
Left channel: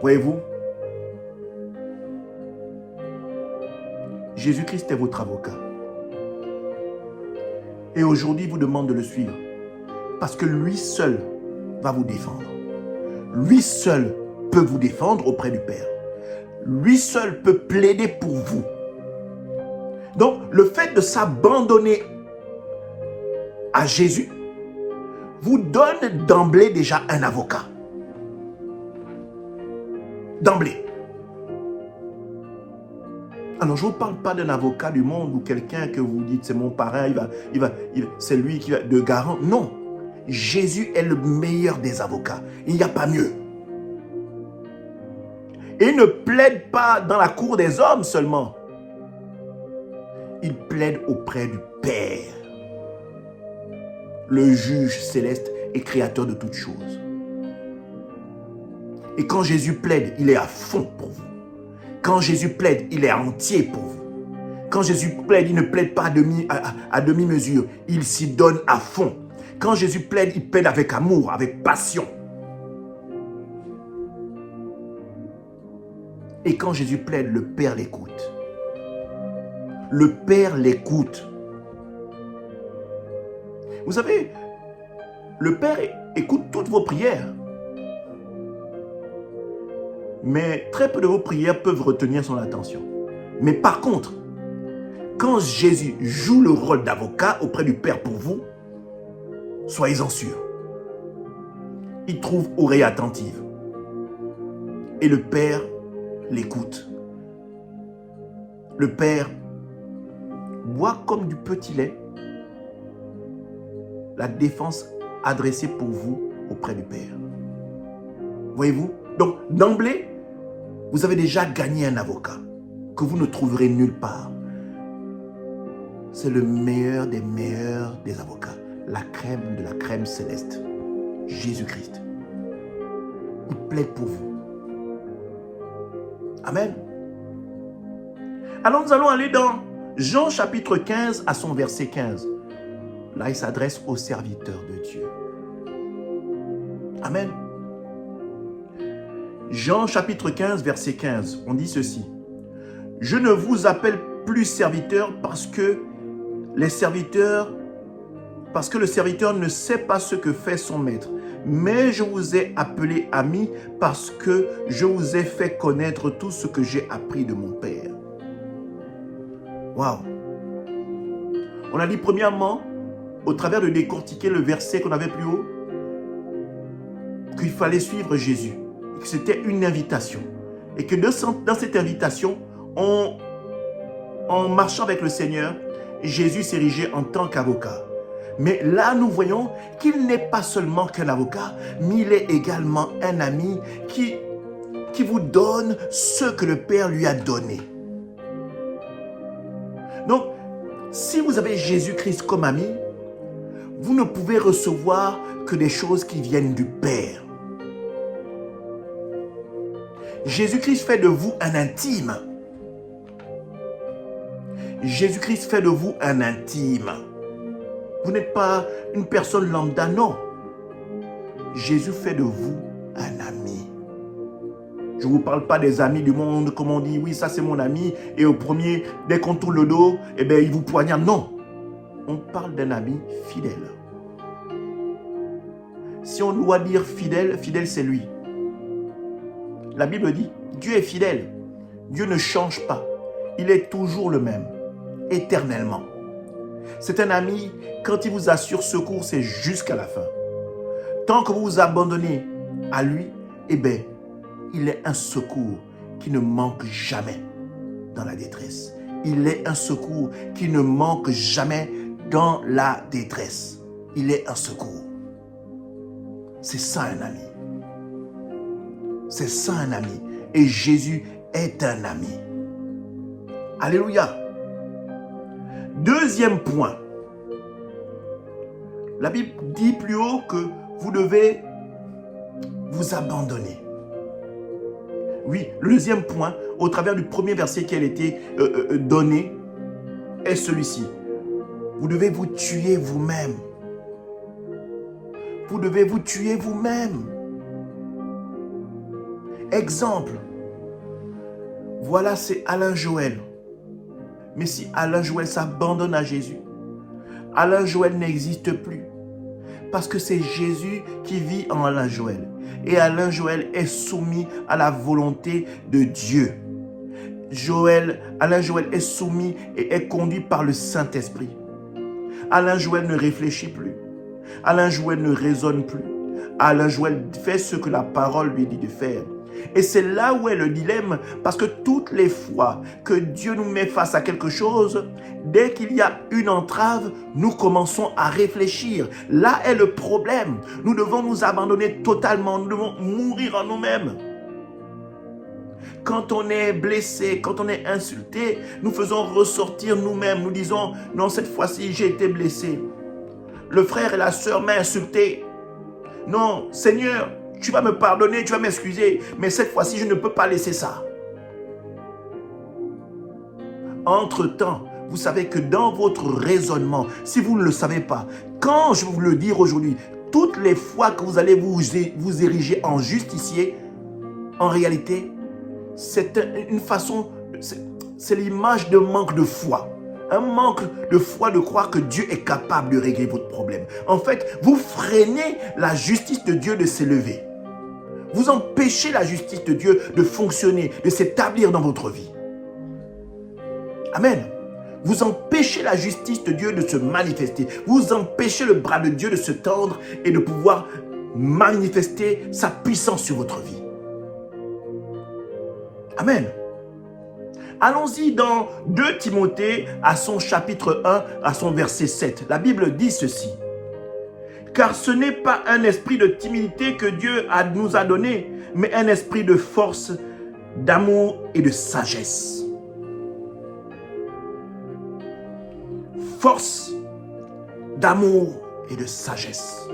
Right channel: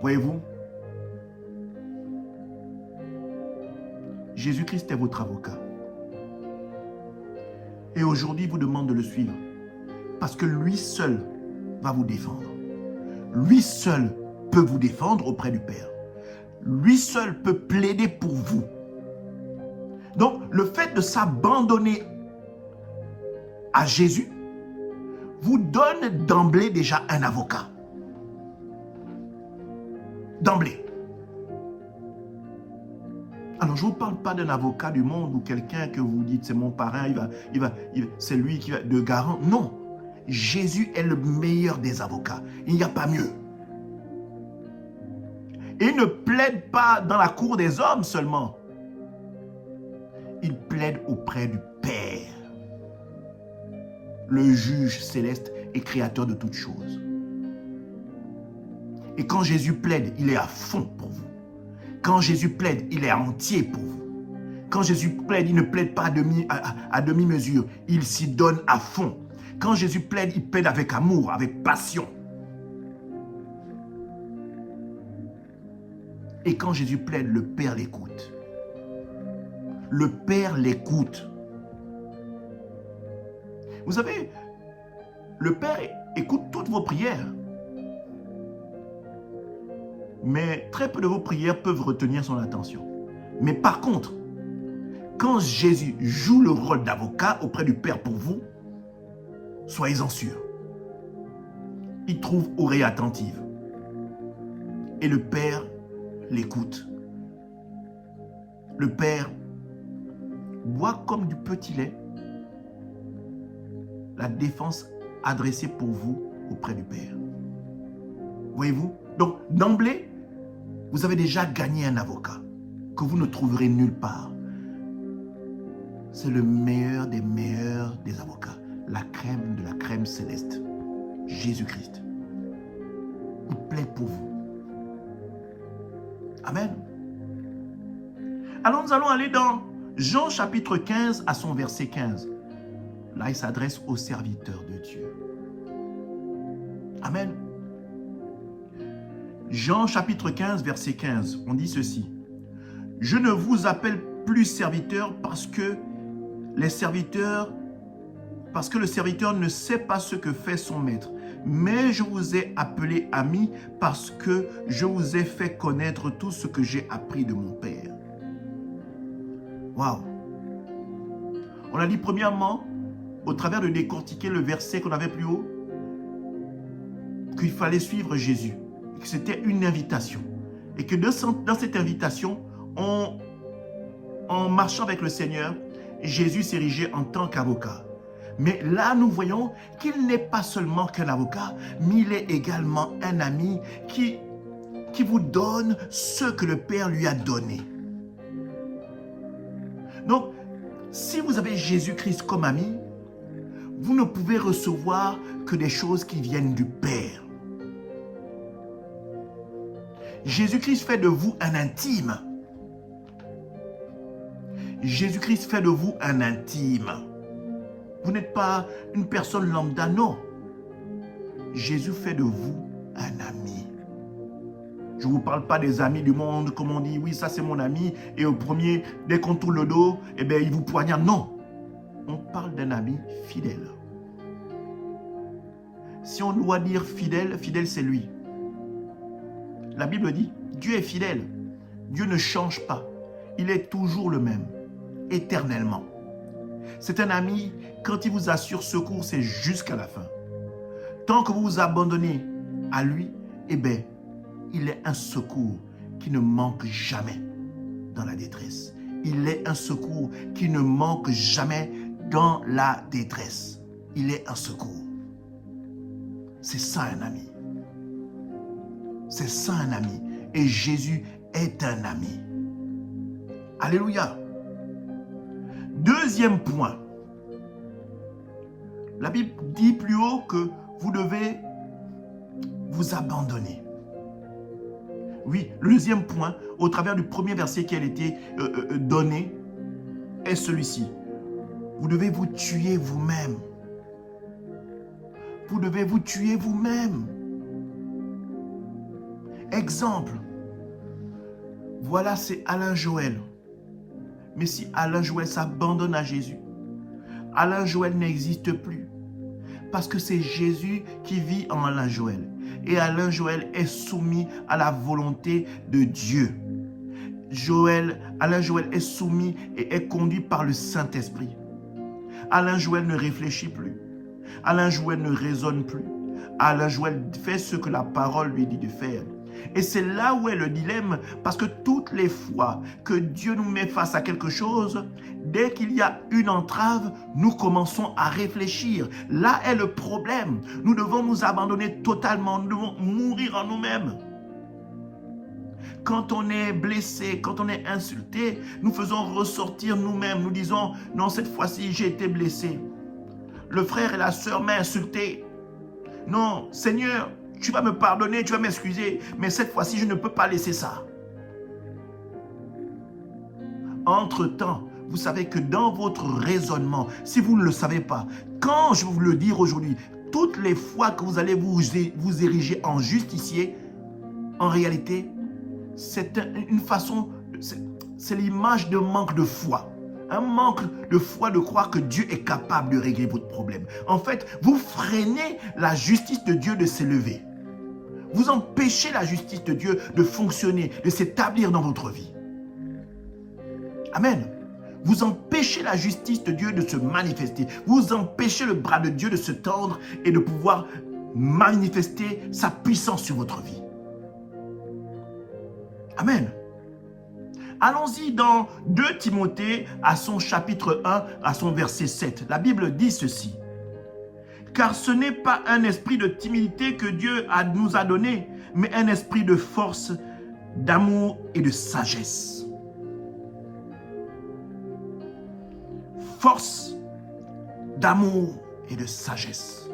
Voyez-vous, Jésus-Christ est votre avocat. Et aujourd'hui, il vous demande de le suivre. Parce que lui seul va vous défendre. Lui seul peut vous défendre auprès du Père. Lui seul peut plaider pour vous. Donc, le fait de s'abandonner à Jésus vous donne d'emblée déjà un avocat. D'emblée. Alors, je ne vous parle pas d'un avocat du monde ou quelqu'un que vous dites, c'est mon parrain, c'est lui qui va de garant. Non. Jésus est le meilleur des avocats. Il n'y a pas mieux. Et il ne plaide pas dans la cour des hommes seulement. Il plaide auprès du Père, le juge céleste et créateur de toutes choses. Et quand Jésus plaide, il est à fond pour vous. Quand Jésus plaide, il est entier pour vous. Quand Jésus plaide, il ne plaide pas à demi-mesure. Il s'y donne à fond. Quand Jésus plaide, il plaide avec amour, avec passion. Et quand Jésus plaide, le Père l'écoute. Le Père l'écoute. Vous savez, le Père écoute toutes vos prières. Mais très peu de vos prières peuvent retenir son attention. Mais par contre, quand Jésus joue le rôle d'avocat auprès du Père pour vous, soyez-en sûrs. Il trouve oreille attentive. Et le Père l'écoute. Le Père boit comme du petit lait la défense adressée pour vous auprès du Père. Voyez-vous? Donc, d'emblée, vous avez déjà gagné un avocat que vous ne trouverez nulle part. C'est le meilleur des avocats. La crème de la crème céleste. Jésus-Christ. Il plaide pour vous. Amen. Alors, nous allons aller dans Jean chapitre 15 à son verset 15. Là, il s'adresse aux serviteurs de Dieu. Amen. Jean chapitre 15, verset 15, on dit ceci. « Je ne vous appelle plus serviteur parce que le serviteur ne sait pas ce que fait son maître, mais je vous ai appelé ami parce que je vous ai fait connaître tout ce que j'ai appris de mon Père. » Waouh! On a dit premièrement, au travers de décortiquer le verset qu'on avait plus haut, qu'il fallait suivre Jésus, et que c'était une invitation. Et que dans cette invitation, en marchant avec le Seigneur, Jésus s'érigeait en tant qu'avocat. Mais là, nous voyons qu'il n'est pas seulement qu'un avocat, mais il est également un ami qui vous donne ce que le Père lui a donné. Donc, si vous avez Jésus-Christ comme ami, vous ne pouvez recevoir que des choses qui viennent du Père. Jésus-Christ fait de vous un intime. Jésus-Christ fait de vous un intime. Vous n'êtes pas une personne lambda, non. Jésus fait de vous un ami. Je ne vous parle pas des amis du monde, comme on dit, oui, ça c'est mon ami, et au premier, dès qu'on tourne le dos, eh bien, il vous poignarde. Non. On parle d'un ami fidèle. Si on doit dire fidèle, fidèle c'est lui. La Bible dit, Dieu est fidèle. Dieu ne change pas. Il est toujours le même, éternellement. C'est un ami, quand il vous assure secours, c'est jusqu'à la fin. Tant que vous vous abandonnez à lui, eh bien, il est un secours qui ne manque jamais dans la détresse. Il est un secours qui ne manque jamais dans la détresse. Il est un secours. C'est ça un ami. C'est ça un ami. Et Jésus est un ami. Alléluia. Deuxième point. La Bible dit plus haut que vous devez vous abandonner. Oui, le deuxième point, au travers du premier verset qui a été donné, est celui-ci. Vous devez vous tuer vous-même. Vous devez vous tuer vous-même. Exemple. Voilà, c'est Alain Joël. Mais si Alain Joël s'abandonne à Jésus, Alain Joël n'existe plus. Parce que c'est Jésus qui vit en Alain Joël. Et Alain Joël est soumis à la volonté de Dieu. Alain Joël est soumis et est conduit par le Saint-Esprit. Alain Joël ne réfléchit plus. Alain Joël ne raisonne plus. Alain Joël fait ce que la parole lui dit de faire. Et c'est là où est le dilemme, parce que toutes les fois que Dieu nous met face à quelque chose, dès qu'il y a une entrave, nous commençons à réfléchir. Là est le problème. Nous devons nous abandonner totalement, nous devons mourir en nous-mêmes. Quand on est blessé, quand on est insulté, nous faisons ressortir nous-mêmes. Nous disons, non, cette fois-ci, j'ai été blessé. Le frère et la sœur m'ont insulté. Non, Seigneur, tu vas me pardonner, tu vas m'excuser, mais cette fois-ci, je ne peux pas laisser ça. Entre-temps, vous savez que dans votre raisonnement, si vous ne le savez pas, quand je vais vous le dire aujourd'hui, toutes les fois que vous allez vous ériger en justicier, en réalité, c'est une façon, c'est l'image de manque de foi. Un manque de foi de croire que Dieu est capable de régler votre problème. En fait, vous freinez la justice de Dieu de s'élever. Vous empêchez la justice de Dieu de fonctionner, de s'établir dans votre vie. Amen. Vous empêchez la justice de Dieu de se manifester. Vous empêchez le bras de Dieu de se tendre et de pouvoir manifester sa puissance sur votre vie. Amen. Allons-y dans 2 Timothée à son chapitre 1, à son verset 7. La Bible dit ceci. Car ce n'est pas un esprit de timidité que Dieu nous a donné, mais un esprit de force, d'amour et de sagesse. Force, d'amour et de sagesse.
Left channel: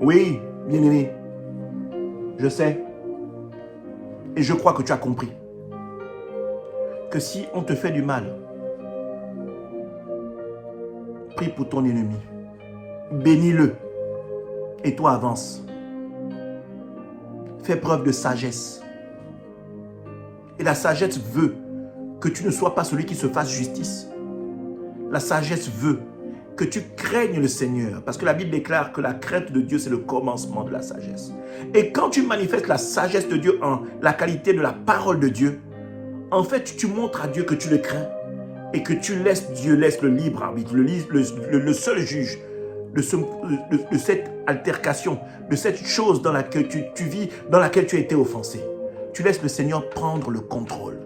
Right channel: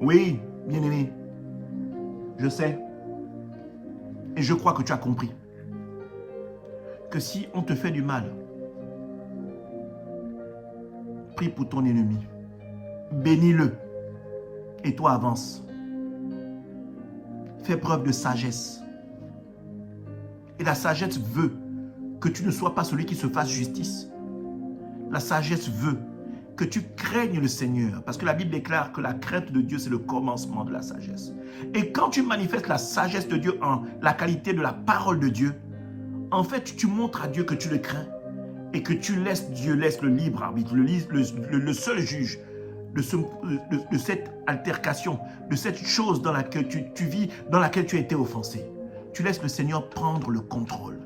Oui, bien-aimé, je sais, et je crois que tu as compris, que si on te fait du mal, prie pour ton ennemi, bénis-le, et toi avance. Fais preuve de sagesse. Et la sagesse veut que tu ne sois pas celui qui se fasse justice. La sagesse veut que tu craignes le Seigneur, parce que la Bible déclare que la crainte de Dieu, c'est le commencement de la sagesse. Et quand tu manifestes la sagesse de Dieu en la qualité de la parole de Dieu, en fait, tu montres à Dieu que tu le crains et que tu laisses Dieu laisse le libre arbitre, le seul juge de cette altercation, de cette chose dans laquelle tu vis, dans laquelle tu as été offensé. Tu laisses le Seigneur prendre le contrôle.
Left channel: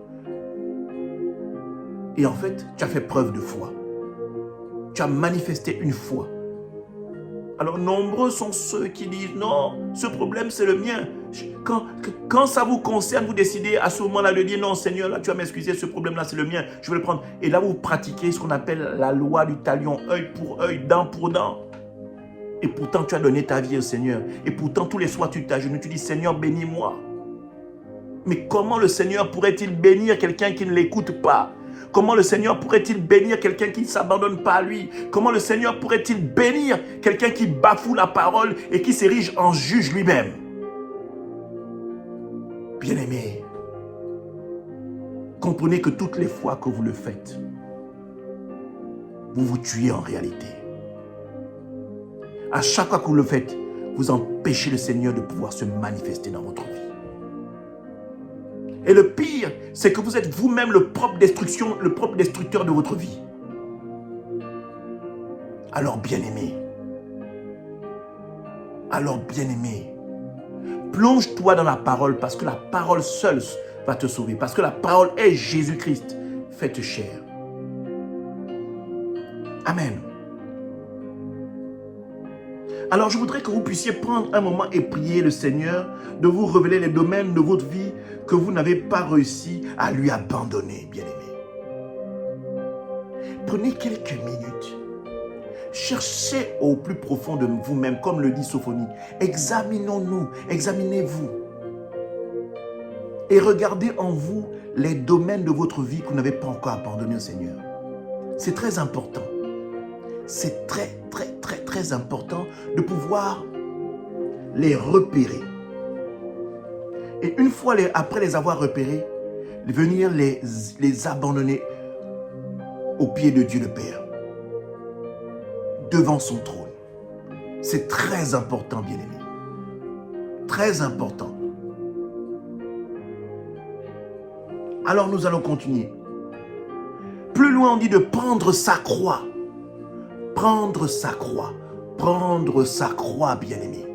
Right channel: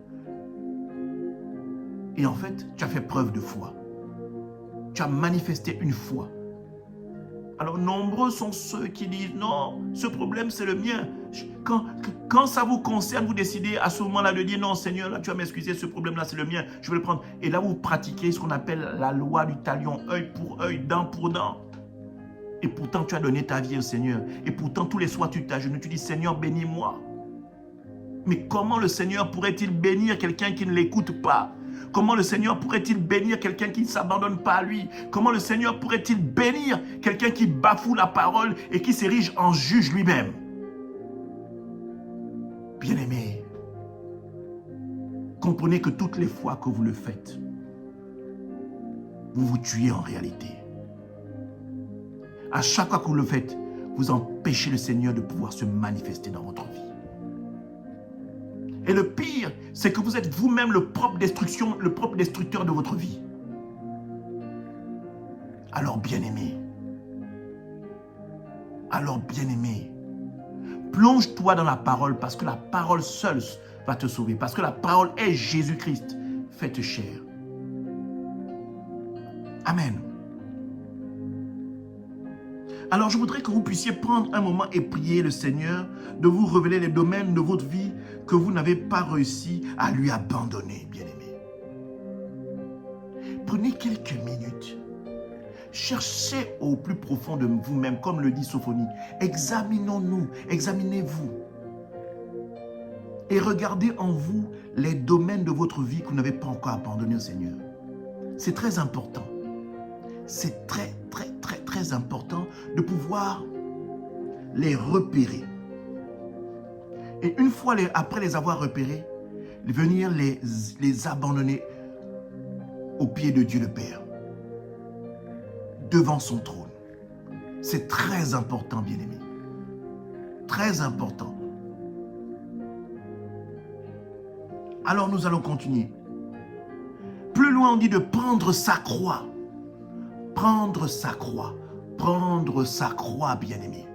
Et en fait, tu as fait preuve de foi. Tu as manifesté une foi. Alors, nombreux sont ceux qui disent, non, ce problème, c'est le mien. Quand ça vous concerne, vous décidez à ce moment-là de dire, non, Seigneur, là, tu vas m'excuser, ce problème-là, c'est le mien, je vais le prendre. Et là, vous pratiquez ce qu'on appelle la loi du talion, œil pour œil, dent pour dent. Et pourtant, tu as donné ta vie au Seigneur. Et pourtant, tous les soirs, tu t'agenouilles, tu dis, Seigneur, bénis-moi. Mais comment le Seigneur pourrait-il bénir quelqu'un qui ne l'écoute pas? Comment le Seigneur pourrait-il bénir quelqu'un qui ne s'abandonne pas à lui? Comment le Seigneur pourrait-il bénir quelqu'un qui bafoue la parole et qui s'érige en juge lui-même? Bien-aimés, comprenez que toutes les fois que vous le faites, vous vous tuez en réalité. À chaque fois que vous le faites, vous empêchez le Seigneur de pouvoir se manifester dans votre vie. Et le pire, c'est que vous êtes vous-même le propre destructeur de votre vie. Alors bien-aimé, plonge-toi dans la parole parce que la parole seule va te sauver. Parce que la parole est Jésus-Christ, faite chair. Amen. Alors, je voudrais que vous puissiez prendre un moment et prier le Seigneur de vous révéler les domaines de votre vie que vous n'avez pas réussi à lui abandonner, bien-aimé. Prenez quelques minutes. Cherchez au plus profond de vous-même, comme le dit Sophonie. Examinons-nous, examinez-vous. Et regardez en vous les domaines de votre vie que vous n'avez pas encore abandonnés au Seigneur. C'est très important. C'est très important de pouvoir les repérer. Et une fois après les avoir repérés, venir les abandonner aux pieds de Dieu le Père, devant son trône. C'est très important, bien-aimés. Très important. Alors nous allons continuer. Plus loin, on dit de prendre sa croix. Prendre sa croix. Prendre sa croix, bien-aimés.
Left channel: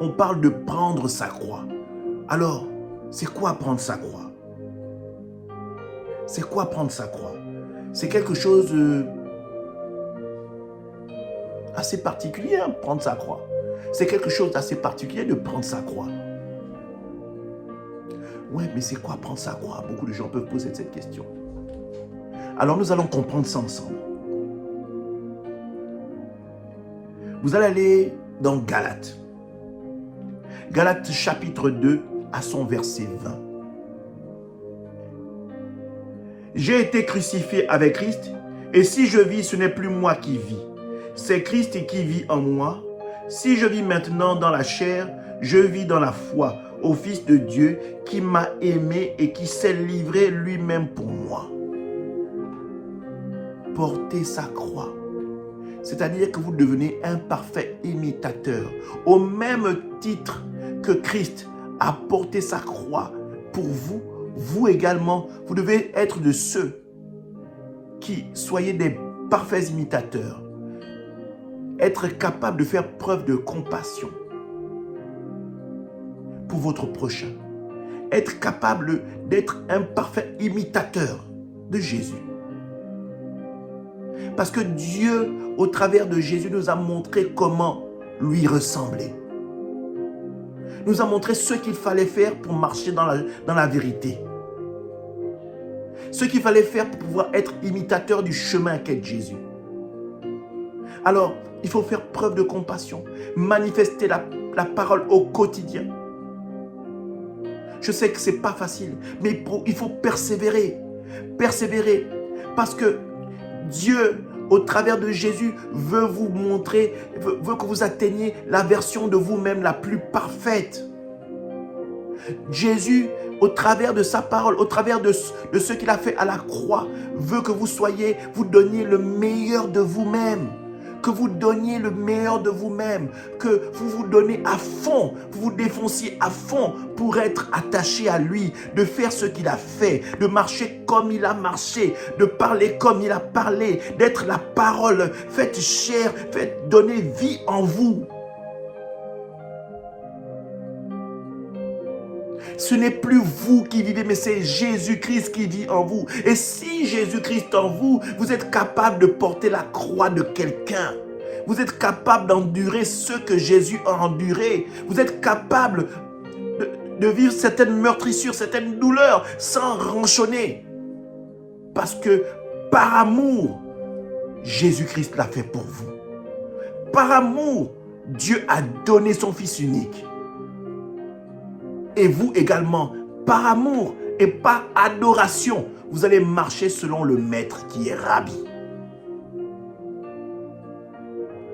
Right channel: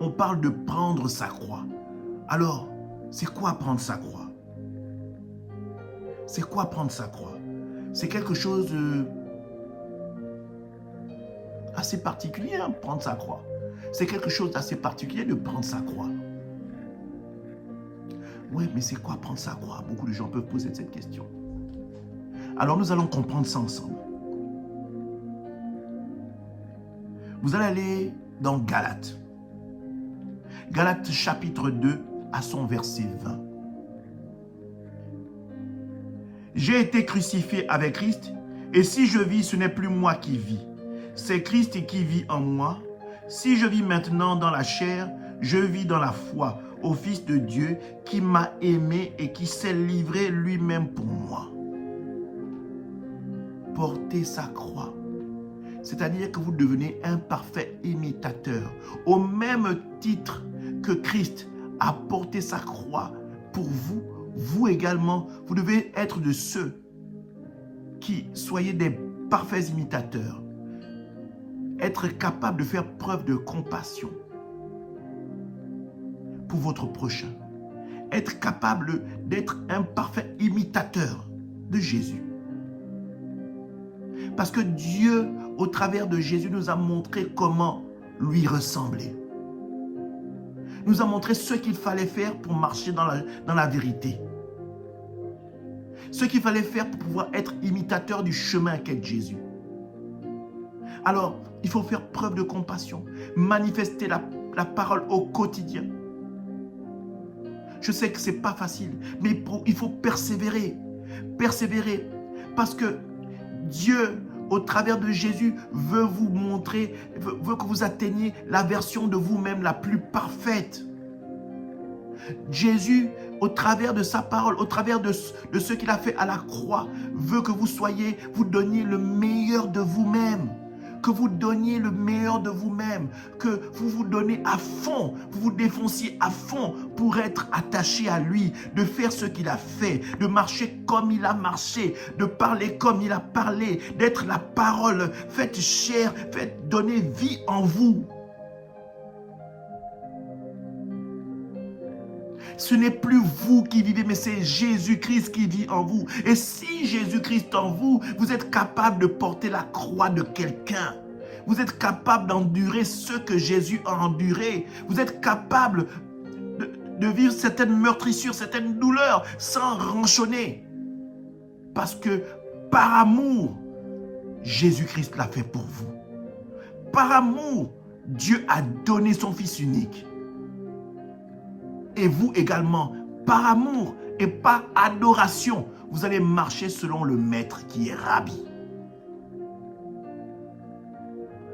On parle de prendre sa croix. Alors, c'est quoi prendre sa croix? C'est quoi prendre sa croix? C'est quelque chose de assez particulier, hein, prendre sa croix. C'est quelque chose d'assez particulier de prendre sa croix. Ouais, mais c'est quoi prendre sa croix? Beaucoup de gens peuvent poser cette question. Alors nous allons comprendre ça ensemble. Vous allez aller dans Galates. Galates chapitre 2 à son verset 20. J'ai été crucifié avec Christ, et si je vis, ce n'est plus moi qui vis. C'est Christ qui vit en moi. Si je vis maintenant dans la chair, je vis dans la foi au Fils de Dieu qui m'a aimé et qui s'est livré lui-même pour moi. Portez sa croix. C'est-à-dire que vous devenez un parfait imitateur. Au même titre que Christ a porté sa croix pour vous, vous également, vous devez être de ceux qui soyez des parfaits imitateurs. Être capable de faire preuve de compassion pour votre prochain. Être capable d'être un parfait imitateur de Jésus. Parce que Dieu, au travers de Jésus, nous a montré comment lui ressembler. Nous a montré ce qu'il fallait faire pour marcher dans la vérité. Ce qu'il fallait faire pour pouvoir être imitateur du chemin qu'est Jésus. Alors, il faut faire preuve de compassion, manifester la parole au quotidien. Je sais que ce n'est pas facile, mais il faut persévérer. Persévérer, parce que Dieu, au travers de Jésus, veut vous montrer, veut que vous atteigniez la version de vous-même la plus parfaite. Jésus, au travers de sa parole, au travers de ce qu'il a fait à la croix, veut que vous donniez le meilleur de vous-même. Que vous donniez le meilleur de vous-même, que vous vous donnez à fond, vous vous défonciez à fond pour être attaché à lui, de faire ce qu'il a fait, de marcher comme il a marché, de parler comme il a parlé, d'être la parole, faites chair, faites donner vie en vous. Ce n'est plus vous qui vivez, mais c'est Jésus-Christ qui vit en vous. Et si Jésus-Christ en vous, vous êtes capable de porter la croix de quelqu'un. Vous êtes capable d'endurer ce que Jésus a enduré. Vous êtes capable de vivre certaines meurtrissures, certaines douleurs sans ronchonner. Parce que par amour, Jésus-Christ l'a fait pour vous. Par amour, Dieu a donné son Fils unique. Et vous également, par amour et par adoration, vous allez marcher selon le Maître qui est Rabbi.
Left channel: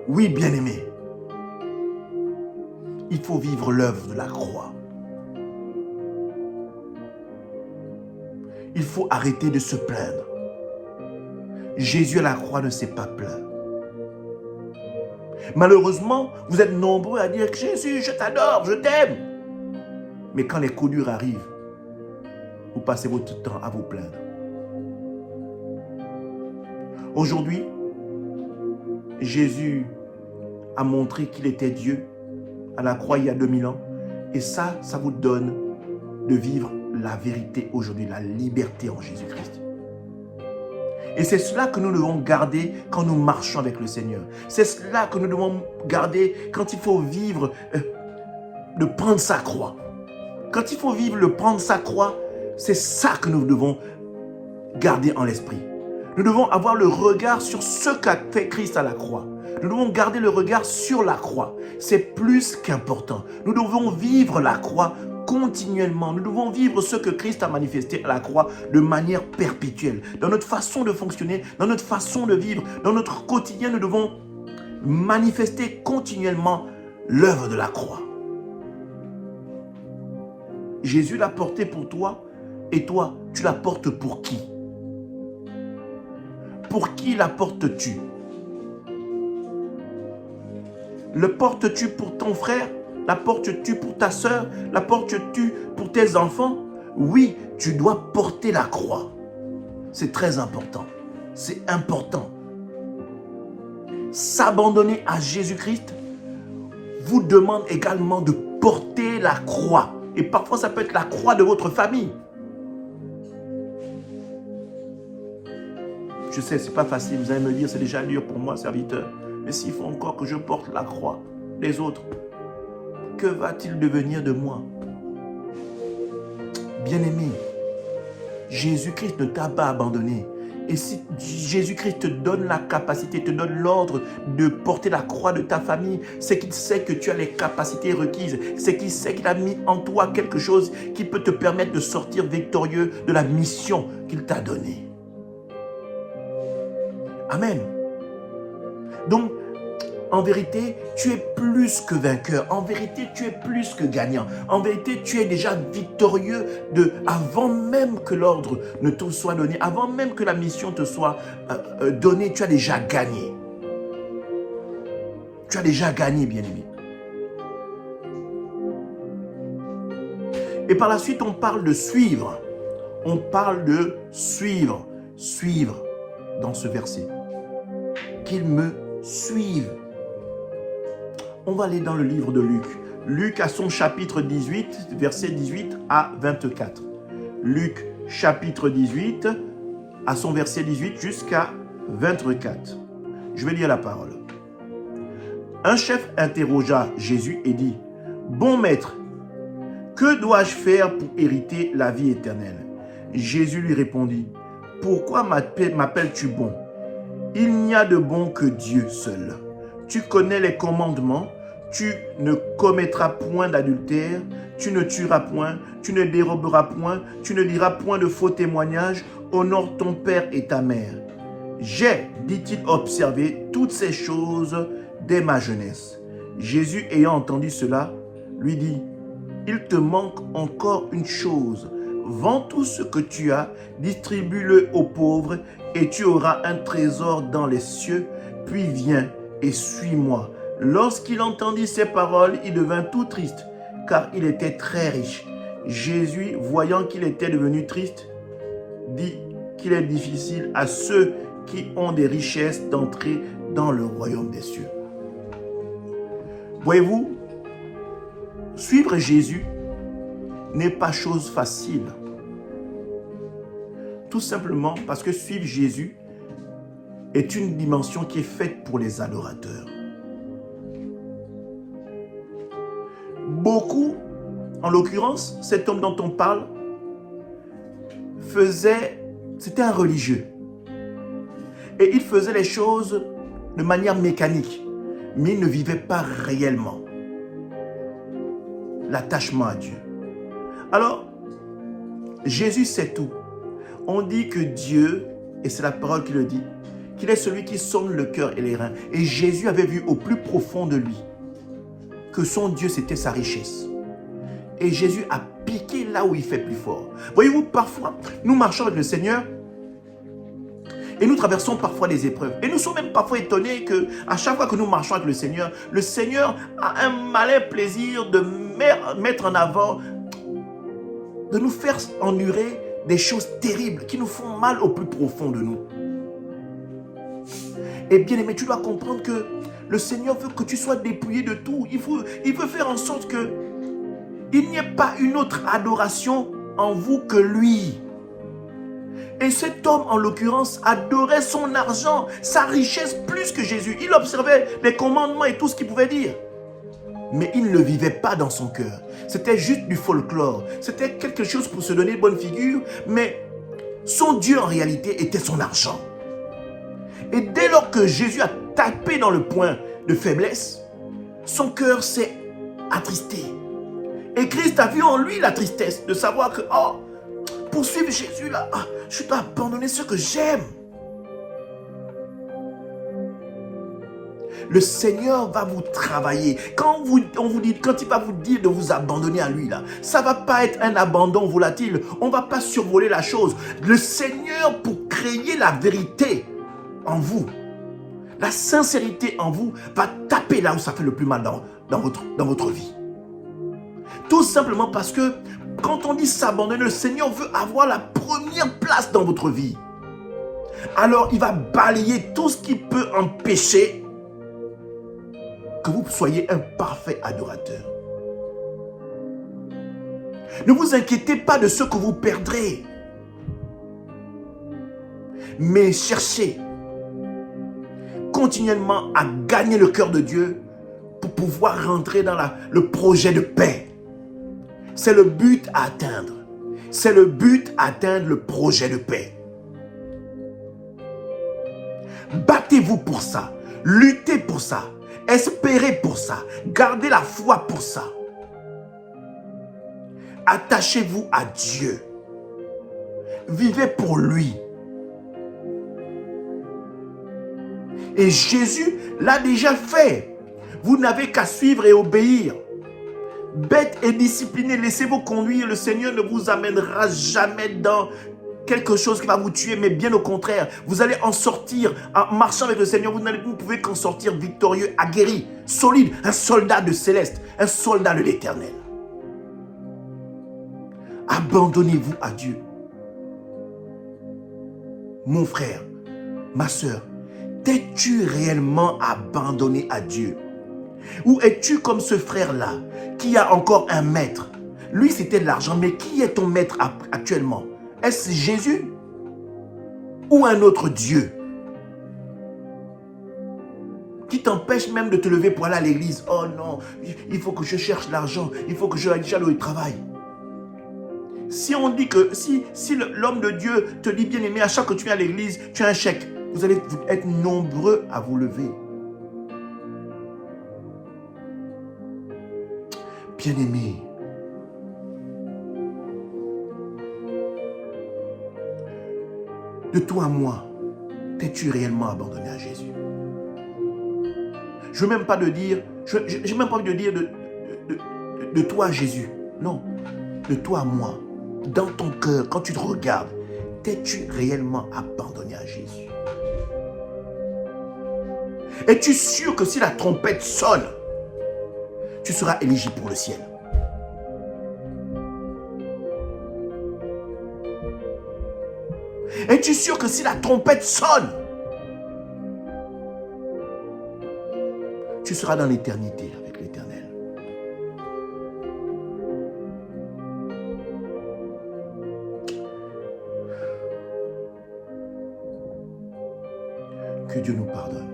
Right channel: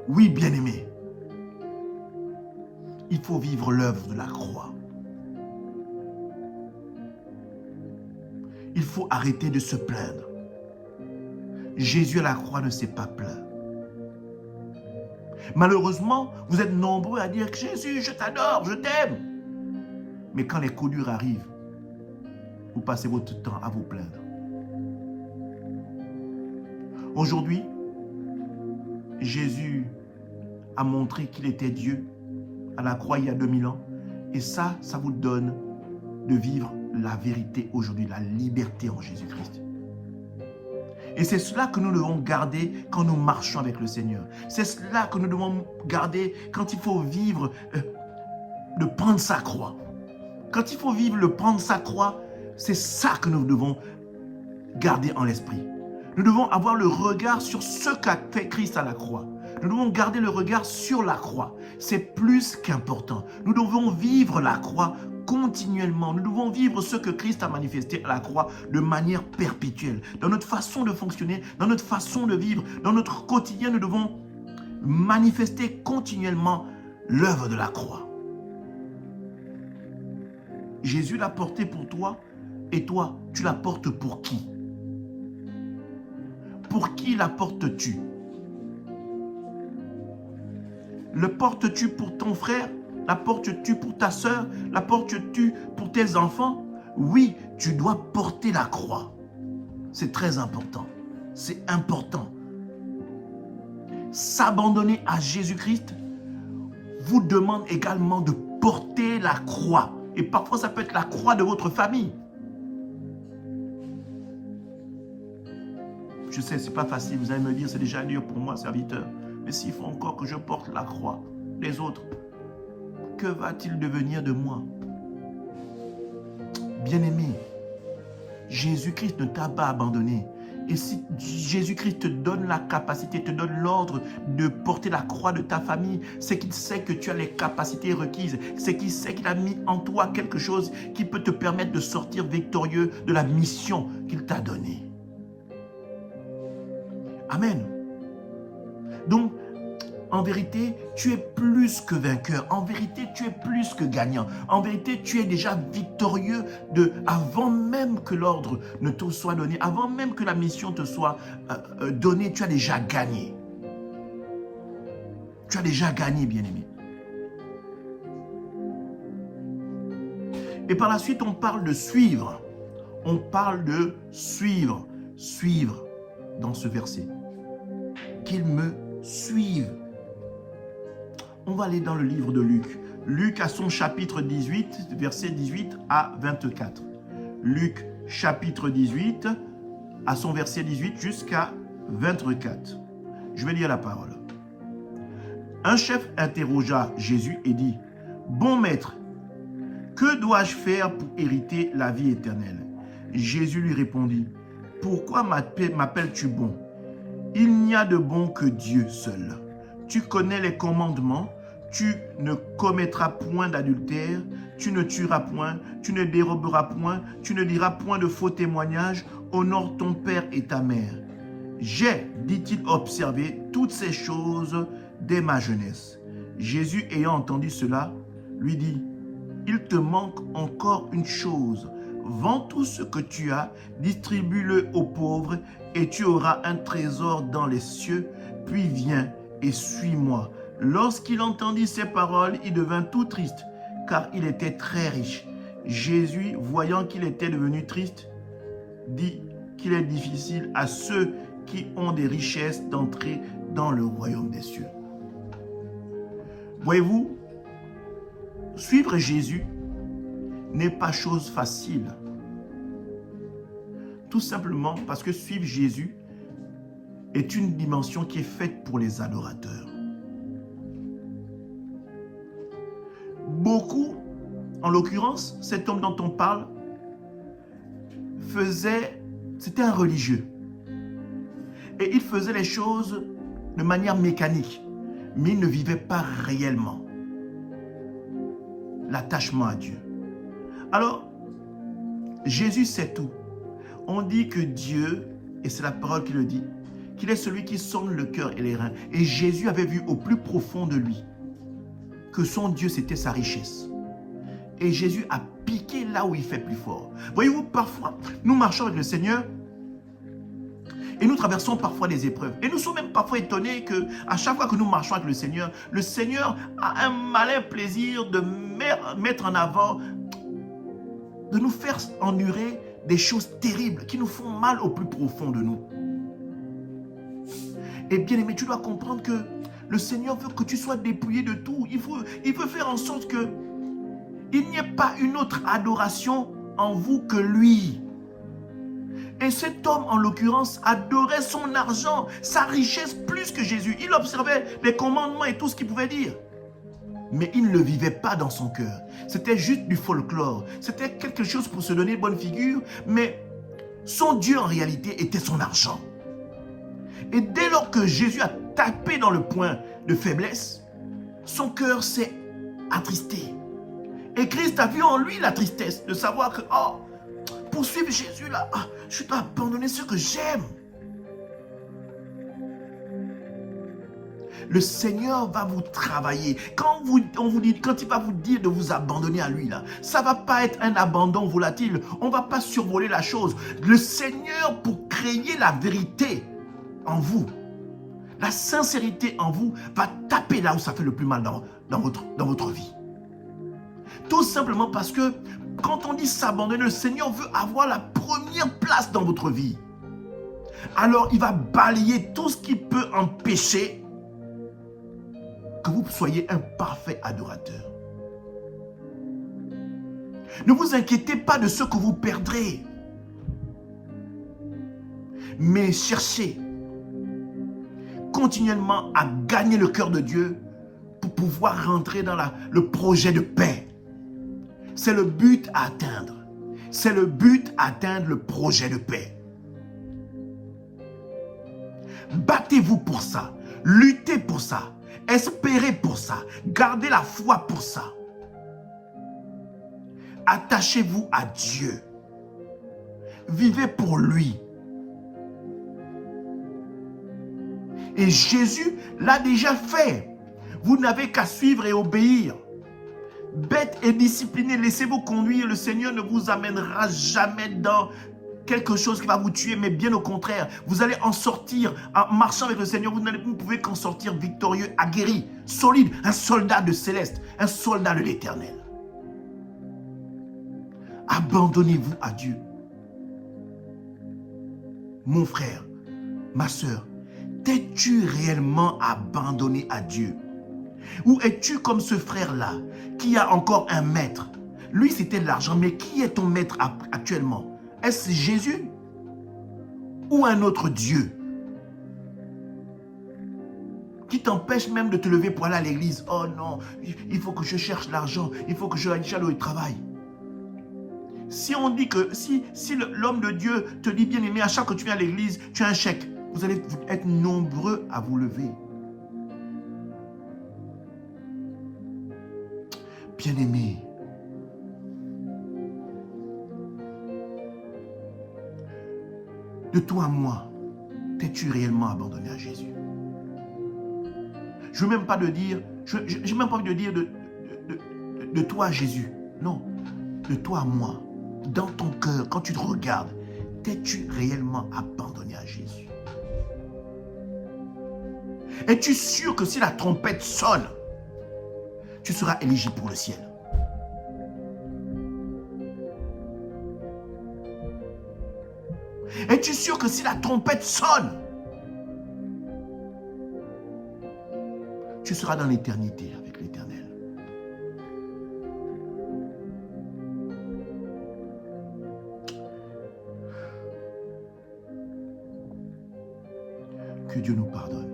Oui, bien-aimé, il faut vivre l'œuvre de la croix. Il faut arrêter de se plaindre. Jésus à la croix ne s'est pas plaint. Malheureusement, vous êtes nombreux à dire que Jésus, je t'adore, je t'aime. Mais quand les coups durs arrivent, vous passez votre temps à vous plaindre. Aujourd'hui, Jésus a montré qu'il était Dieu à la croix il y a 2000 ans. Et ça vous donne de vivre la vérité aujourd'hui, la liberté en Jésus-Christ. Et c'est cela que nous devons garder quand nous marchons avec le Seigneur. C'est cela que nous devons garder quand il faut vivre, de prendre sa croix. Quand il faut vivre le prendre sa croix, c'est ça que nous devons garder en l'esprit. Nous devons avoir le regard sur ce qu'a fait Christ à la croix. Nous devons garder le regard sur la croix. C'est plus qu'important. Nous devons vivre la croix continuellement. Nous devons vivre ce que Christ a manifesté à la croix de manière perpétuelle. Dans notre façon de fonctionner, dans notre façon de vivre, dans notre quotidien, nous devons manifester continuellement l'œuvre de la croix. Jésus l'a porté pour toi et toi, tu la portes pour qui? Pour qui la portes-tu? Le portes-tu pour ton frère? La portes-tu pour ta sœur? La portes-tu pour tes enfants? Oui, tu dois porter la croix. C'est très important. C'est important. S'abandonner à Jésus-Christ vous demande également de porter la croix. Et parfois, ça peut être la croix de votre famille. Je sais, ce n'est pas facile. Vous allez me dire, c'est déjà dur pour moi, serviteur. Mais s'il faut encore que je porte la croix des autres, que va-t-il devenir de moi? Bien-aimé, Jésus-Christ ne t'a pas abandonné. Et si Jésus-Christ te donne la capacité, te donne l'ordre de porter la croix de ta famille, c'est qu'il sait que tu as les capacités requises. C'est qu'il sait qu'il a mis en toi quelque chose qui peut te permettre de sortir victorieux de la mission qu'il t'a donnée. Amen. Donc, en vérité, tu es plus que vainqueur. En vérité, tu es plus que gagnant. En vérité, tu es déjà victorieux avant même que l'ordre ne te soit donné, avant même que la mission te soit donnée, tu as déjà gagné. Tu as déjà gagné, bien-aimé. Et par la suite, on parle de suivre. On parle de suivre. Suivre dans ce verset. Qu'il me suive. On va aller dans le livre de Luc. Luc a son chapitre 18, versets 18 à 24. Luc chapitre 18 à son verset 18 jusqu'à 24. Je vais lire la parole. Un chef interrogea Jésus et dit, « Bon maître, que dois-je faire pour hériter la vie éternelle ?» Jésus lui répondit, « Pourquoi m'appelles-tu bon? Il n'y a de bon que Dieu seul. Tu connais les commandements, tu ne commettras point d'adultère, tu ne tueras point, tu ne déroberas point, tu ne diras point de faux témoignages, honore ton père et ta mère. J'ai, dit-il, observé toutes ces choses dès ma jeunesse. » Jésus, ayant entendu cela, lui dit, « Il te manque encore une chose. Vends tout ce que tu as, distribue-le aux pauvres, et tu auras un trésor dans les cieux, puis viens et suis-moi. » Lorsqu'il entendit ces paroles, il devint tout triste, car il était très riche. Jésus, voyant qu'il était devenu triste, dit qu'il est difficile à ceux qui ont des richesses d'entrer dans le royaume des cieux. Voyez-vous, suivre Jésus n'est pas chose facile. Tout simplement parce que suivre Jésus est une dimension qui est faite pour les adorateurs. Beaucoup, en l'occurrence, cet homme dont on parle, c'était un religieux. Et il faisait les choses de manière mécanique, mais il ne vivait pas réellement l'attachement à Dieu. Alors, Jésus sait tout. On dit que Dieu, et c'est la parole qui le dit, qu'il est celui qui sonde le cœur et les reins. Et Jésus avait vu au plus profond de lui que son Dieu, c'était sa richesse. Et Jésus a piqué là où il fait plus fort. Voyez-vous, parfois, nous marchons avec le Seigneur et nous traversons parfois des épreuves. Et nous sommes même parfois étonnés qu'à chaque fois que nous marchons avec le Seigneur a un malin plaisir de mettre en avant, de nous faire endurer des choses terribles qui nous font mal au plus profond de nous. Et bien aimé, tu dois comprendre que le Seigneur veut que tu sois dépouillé de tout. Il veut faire en sorte que il n'y ait pas une autre adoration en vous que lui. Et cet homme, en l'occurrence, adorait son argent, sa richesse plus que Jésus. Il observait les commandements et tout ce qu'il pouvait dire. Mais il ne le vivait pas dans son cœur. C'était juste du folklore. C'était quelque chose pour se donner une bonne figure. Mais son Dieu, en réalité, était son argent. Et dès lors que Jésus a tapé dans le point de faiblesse, son cœur s'est attristé. Et Christ a vu en lui la tristesse de savoir que, oh, pour suivre Jésus là, je dois abandonner ce que j'aime. Le Seigneur va vous travailler. Quand il va vous dire de vous abandonner à lui, là, ça ne va pas être un abandon volatile. On ne va pas survoler la chose. Le Seigneur, pour créer la vérité en vous, la sincérité en vous, va taper là où ça fait le plus mal dans votre vie. Tout simplement parce que quand on dit s'abandonner, le Seigneur veut avoir la première place dans votre vie. Alors, il va balayer tout ce qui peut empêcher que vous soyez un parfait adorateur. Ne vous inquiétez pas de ce que vous perdrez. Mais cherchez continuellement à gagner le cœur de Dieu pour pouvoir rentrer dans le projet de paix. C'est le but à atteindre. C'est le but à atteindre le projet de paix. Battez-vous pour ça. Luttez pour ça. Espérez pour ça. Gardez la foi pour ça. Attachez-vous à Dieu. Vivez pour lui. Et Jésus l'a déjà fait. Vous n'avez qu'à suivre et obéir. Bête et disciplinés, laissez-vous conduire. Le Seigneur ne vous amènera jamais dans quelque chose qui va vous tuer, mais bien au contraire, vous allez en sortir en marchant avec le Seigneur. Vous ne pouvez qu'en sortir victorieux, aguerri, solide, un soldat de céleste, un soldat de l'éternel. Abandonnez-vous à Dieu. Mon frère, ma soeur, t'es-tu réellement abandonné à Dieu? Ou es-tu comme ce frère-là qui a encore un maître? Lui, c'était de l'argent, mais qui est ton maître actuellement? Est-ce Jésus ou un autre Dieu qui t'empêche même de te lever pour aller à l'église? Oh non, il faut que je cherche l'argent, il faut que je aille au travail. Si on dit que, si l'homme de Dieu te dit, bien aimé, à chaque fois que tu viens à l'église, tu as un chèque, vous allez être nombreux à vous lever. Bien aimé, de toi à moi, t'es-tu réellement abandonné à Jésus? Je n'ai même pas de dire, j'ai même pas envie de dire de toi à Jésus. Non, de toi à moi, dans ton cœur, quand tu te regardes, t'es-tu réellement abandonné à Jésus? Es-tu sûr que si la trompette sonne, tu seras éligible pour le ciel? Es-tu sûr que si la trompette sonne, tu seras dans l'éternité avec l'Éternel? Que Dieu nous pardonne.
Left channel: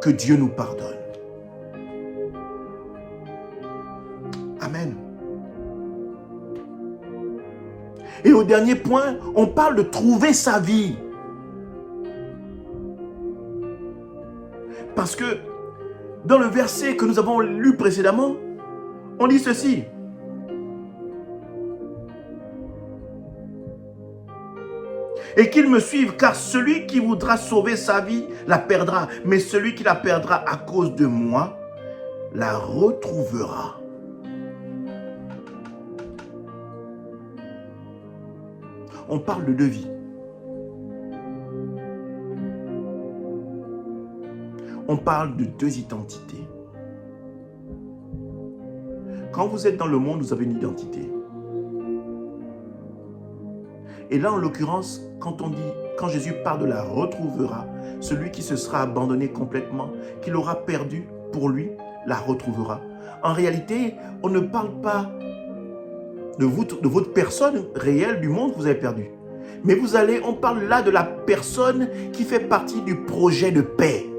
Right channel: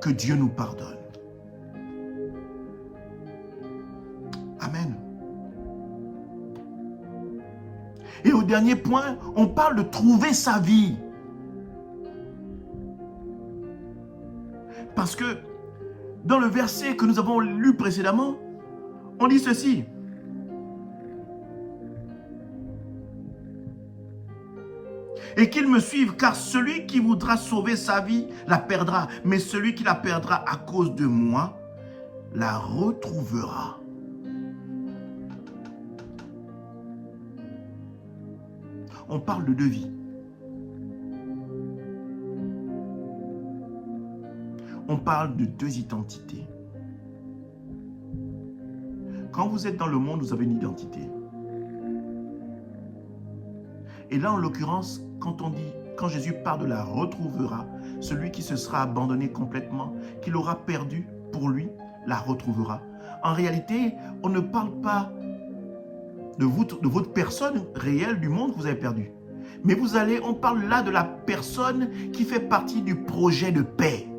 Que Dieu nous pardonne. Amen. Et au dernier point, on parle de trouver sa vie. Parce que dans le verset que nous avons lu précédemment, on dit ceci. Et qu'il me suive, car celui qui voudra sauver sa vie la perdra, mais celui qui la perdra à cause de moi la retrouvera. On parle de deux vies. On parle de deux identités. Quand vous êtes dans le monde, vous avez une identité. Et là, en l'occurrence, quand Jésus parle de la retrouvera, celui qui se sera abandonné complètement, qui l'aura perdu pour lui, la retrouvera. En réalité, on ne parle pas de votre personne réelle du monde que vous avez perdu. Mais on parle là de la personne qui fait partie du projet de paix.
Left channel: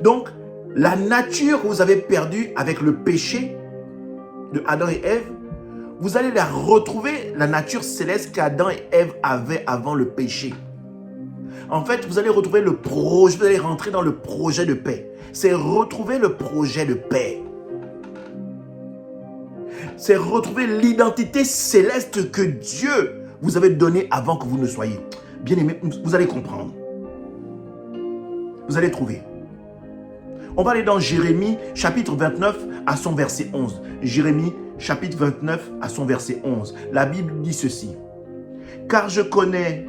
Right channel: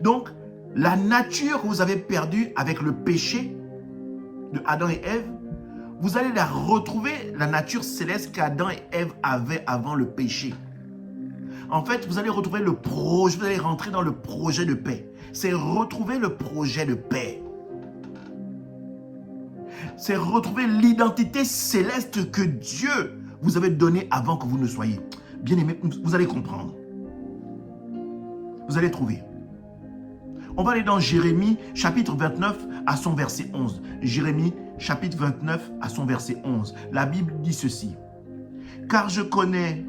Donc, la nature que vous avez perdue avec le péché de Adam et Ève, Vous allez la retrouver, la nature céleste qu'Adam et Ève avaient avant le péché. En fait, vous allez retrouver le projet, vous allez rentrer dans le projet de paix. C'est retrouver le projet de paix. C'est retrouver l'identité céleste que Dieu vous avait donnée avant que vous ne soyez. Bien aimé, vous allez comprendre. Vous allez trouver. On va aller dans Jérémie chapitre 29 à son verset 11. Jérémie chapitre 29 à son verset 11. La Bible dit ceci. Car je connais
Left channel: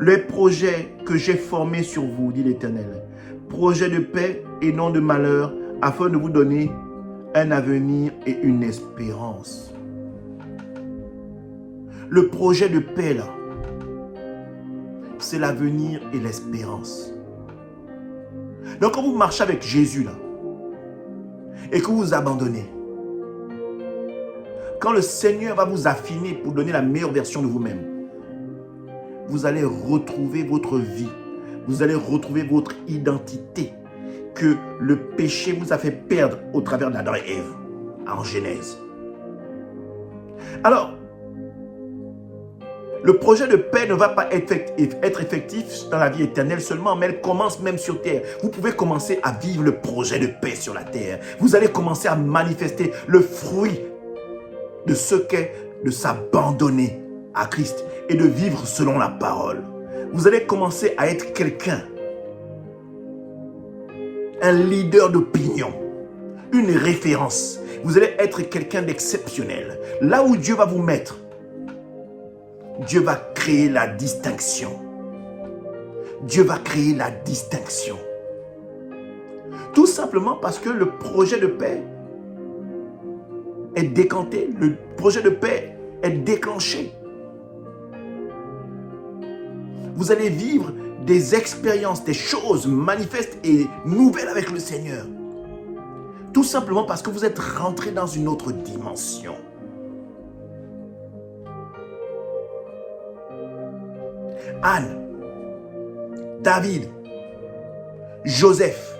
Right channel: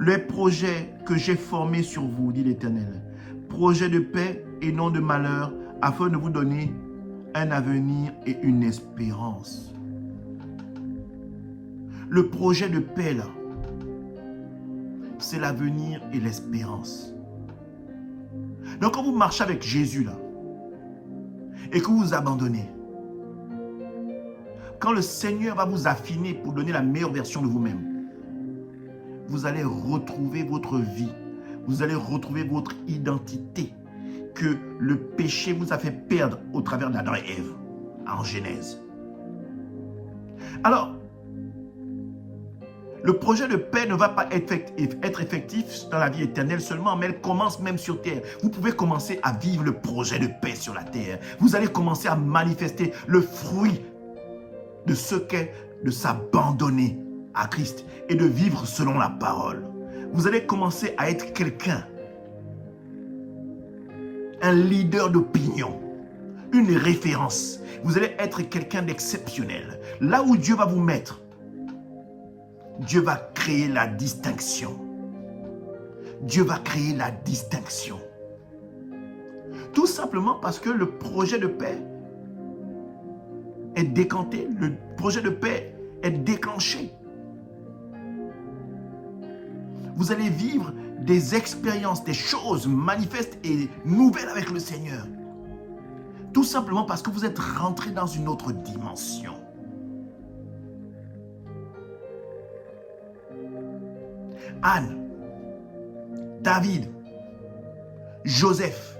les projets que j'ai formés sur vous, dit l'Éternel. Projets de paix et non de malheur, afin de vous donner un avenir et une espérance. Le projet de paix, là, c'est l'avenir et l'espérance. Donc, quand vous marchez avec Jésus, là, et que vous vous abandonnez, quand le Seigneur va vous affiner pour donner la meilleure version de vous-même, vous allez retrouver votre vie. Vous allez retrouver votre identité que le péché vous a fait perdre au travers d'Adam et Ève en Genèse. Alors, le projet de paix ne va pas être effectif dans la vie éternelle seulement, mais elle commence même sur terre. Vous pouvez commencer à vivre le projet de paix sur la terre. Vous allez commencer à manifester le fruit de ce qu'est de s'abandonner à Christ et de vivre selon la parole. Vous allez commencer à être quelqu'un, un leader d'opinion, une référence. Vous allez être quelqu'un d'exceptionnel. Là où Dieu va vous mettre, Dieu va créer la distinction. Dieu va créer la distinction. Tout simplement parce que le projet de paix est décanté, le projet de paix est déclenché. Vous allez vivre des expériences, des choses manifestes et nouvelles avec le Seigneur. Tout simplement parce que vous êtes rentré dans une autre dimension. Anne, David, Joseph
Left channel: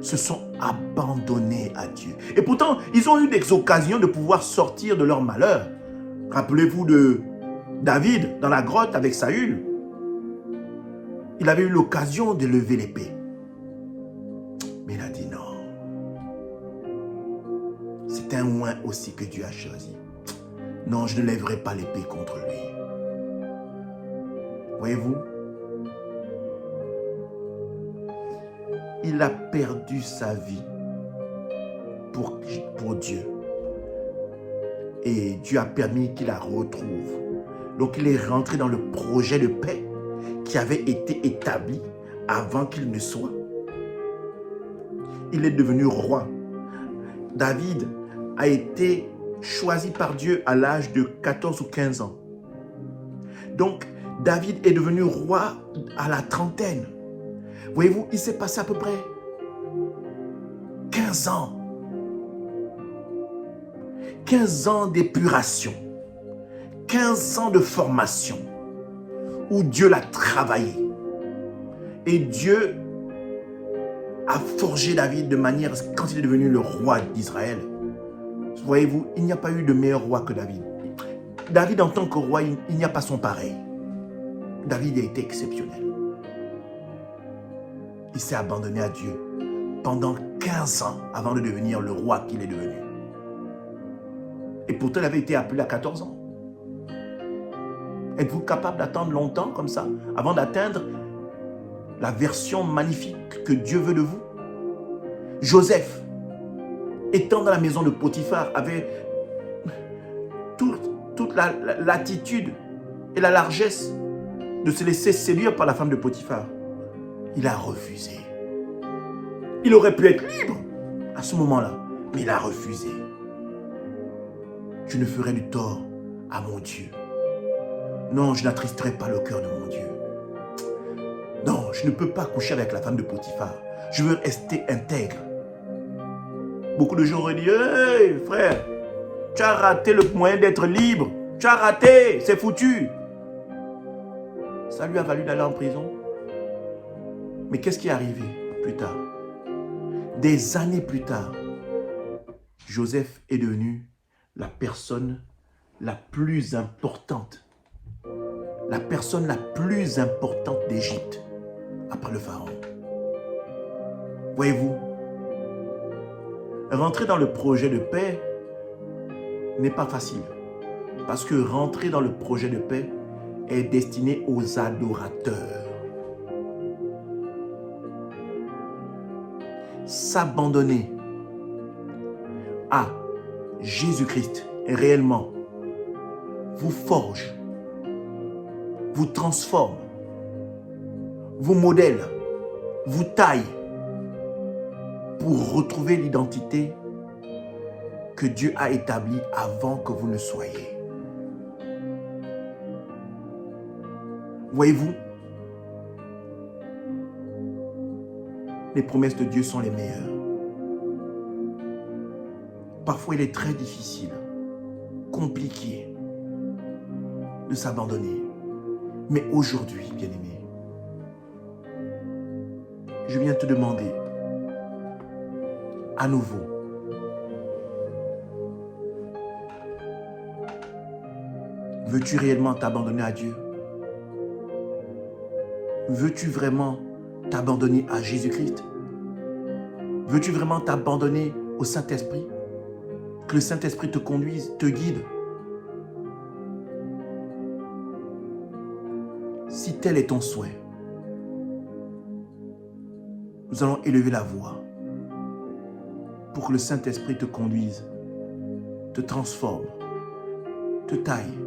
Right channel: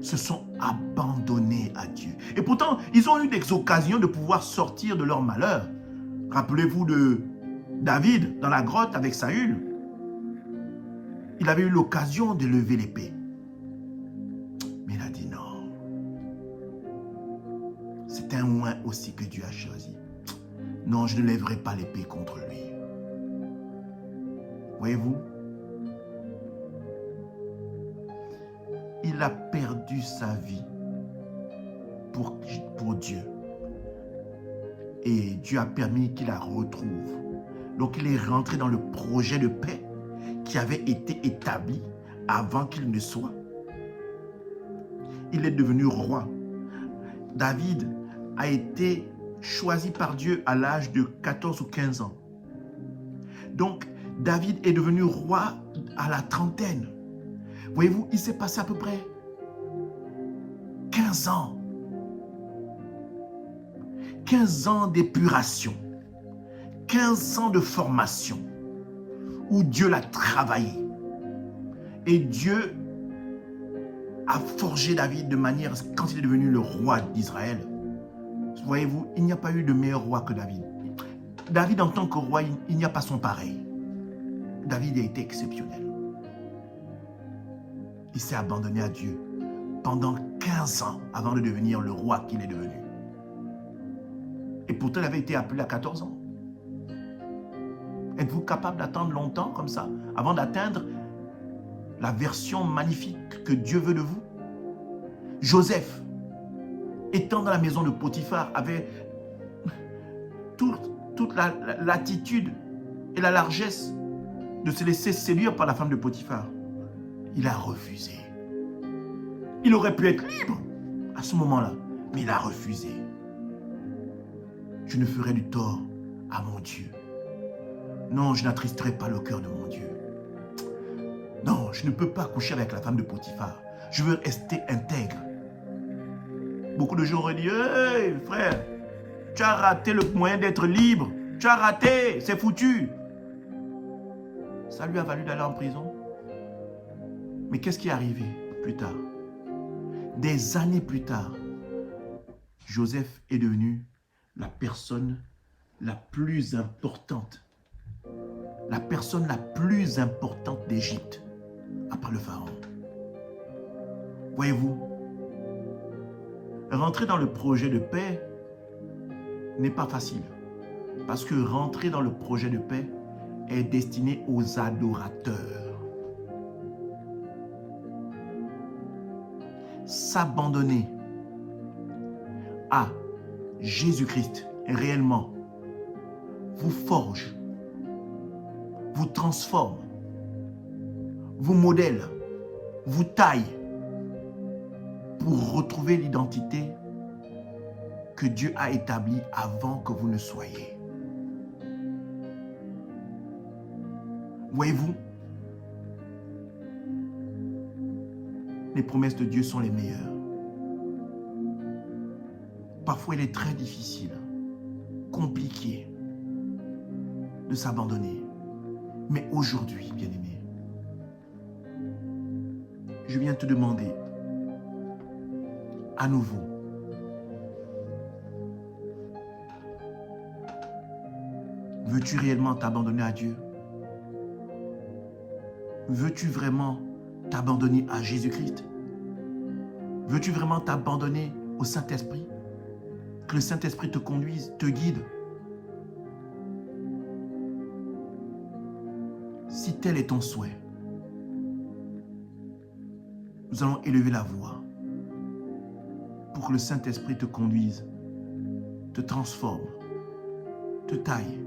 se sont abandonnés à Dieu. Et pourtant, ils ont eu des occasions de pouvoir sortir de leur malheur. Rappelez-vous de David dans la grotte avec Saül. Il avait eu l'occasion de lever l'épée. Mais il a dit non. C'est un oint aussi que Dieu a choisi. Non, je ne lèverai pas l'épée contre lui. Voyez-vous, il a perdu sa vie pour Dieu. Et Dieu a permis qu'il la retrouve. Donc il est rentré dans le projet de paix qui avait été établi avant qu'il ne soit. Il est devenu roi. David a été choisi par Dieu à l'âge de 14 ou 15 ans. Donc, David est devenu roi à la trentaine. Voyez-vous, il s'est passé à peu près 15 ans. 15 ans d'épuration. 15 ans de formation où Dieu l'a travaillé. Et Dieu a forgé David de manière, quand il est devenu le roi d'Israël, voyez-vous, il n'y a pas eu de meilleur roi que David. David, en tant que roi, il n'y a pas son pareil. David a été exceptionnel. Il s'est abandonné à Dieu pendant 15 ans avant de devenir le roi qu'il est devenu. Et pourtant, il avait été appelé à 14 ans. Êtes-vous capable d'attendre longtemps comme ça avant d'atteindre la version magnifique que Dieu veut de vous? Joseph, étant dans la maison de Potiphar, avait toute l'attitude et la largesse de se laisser séduire par la femme de Potiphar. Il a refusé. Il aurait pu être libre à ce moment-là, mais il a refusé. Je ne ferai du tort à mon Dieu. Non, je n'attristerai pas le cœur de mon Dieu. Non, je ne peux pas coucher avec la femme de Potiphar. Je veux rester intègre. Beaucoup de gens auraient dit, « Hey, frère, tu as raté le moyen d'être libre. Tu as raté, c'est foutu. » Ça lui a valu d'aller en prison. Mais qu'est-ce qui est arrivé plus tard? Des années plus tard, Joseph est devenu la personne la plus importante. La personne la plus importante d'Égypte, après le pharaon. Voyez-vous, rentrer dans le projet de paix n'est pas facile. Parce que rentrer dans le projet de paix est destiné aux adorateurs. S'abandonner à Jésus-Christ réellement vous forge, vous transforme, vous modèle, vous taille pour retrouver l'identité que Dieu a établie avant que vous ne soyez. Voyez-vous, les promesses de Dieu sont les meilleures. Parfois, il est très difficile, compliqué de s'abandonner. Mais aujourd'hui, bien-aimé, je viens te demander à nouveau veux-tu réellement t'abandonner à Dieu? Veux-tu vraiment t'abandonner à Jésus-Christ? Veux-tu vraiment t'abandonner au Saint-Esprit? Que le Saint-Esprit te conduise, te guide? Si tel est ton souhait, nous allons élever la voix pour que le Saint-Esprit te conduise, te transforme, te taille,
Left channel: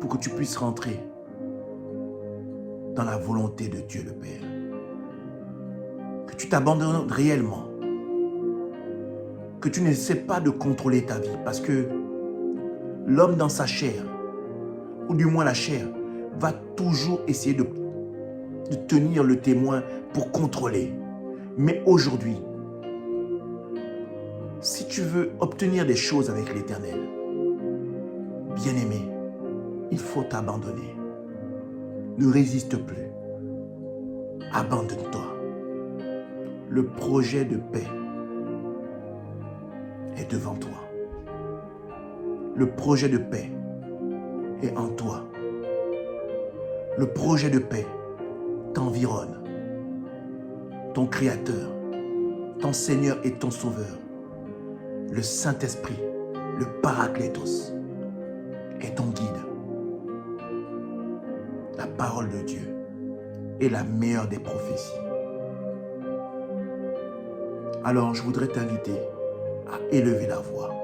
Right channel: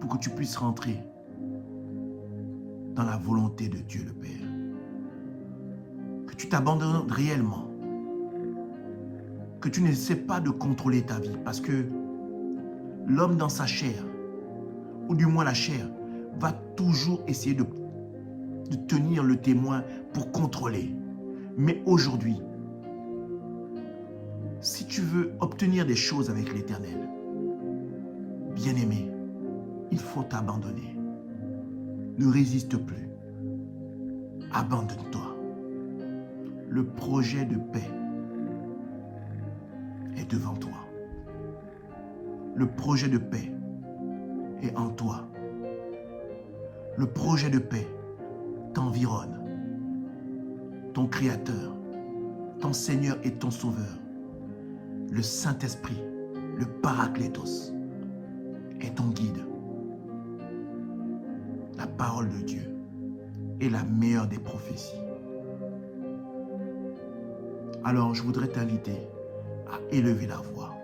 pour que tu puisses rentrer dans la volonté de Dieu le Père. Que tu t'abandonnes réellement. Que tu n'essaies pas de contrôler ta vie parce que l'homme dans sa chair, ou du moins la chair, va toujours essayer de tenir le témoin pour contrôler. Mais aujourd'hui, si tu veux obtenir des choses avec l'Éternel, bien-aimé, il faut t'abandonner. Ne résiste plus. Abandonne-toi. Le projet de paix est devant toi. Le projet de paix est en toi. Le projet de paix t'environne. Ton Créateur, ton Seigneur et ton Sauveur, le Saint-Esprit, le Paraclétos, est ton guide. La parole de Dieu est la meilleure des prophéties. Alors, je voudrais t'inviter à élever la voix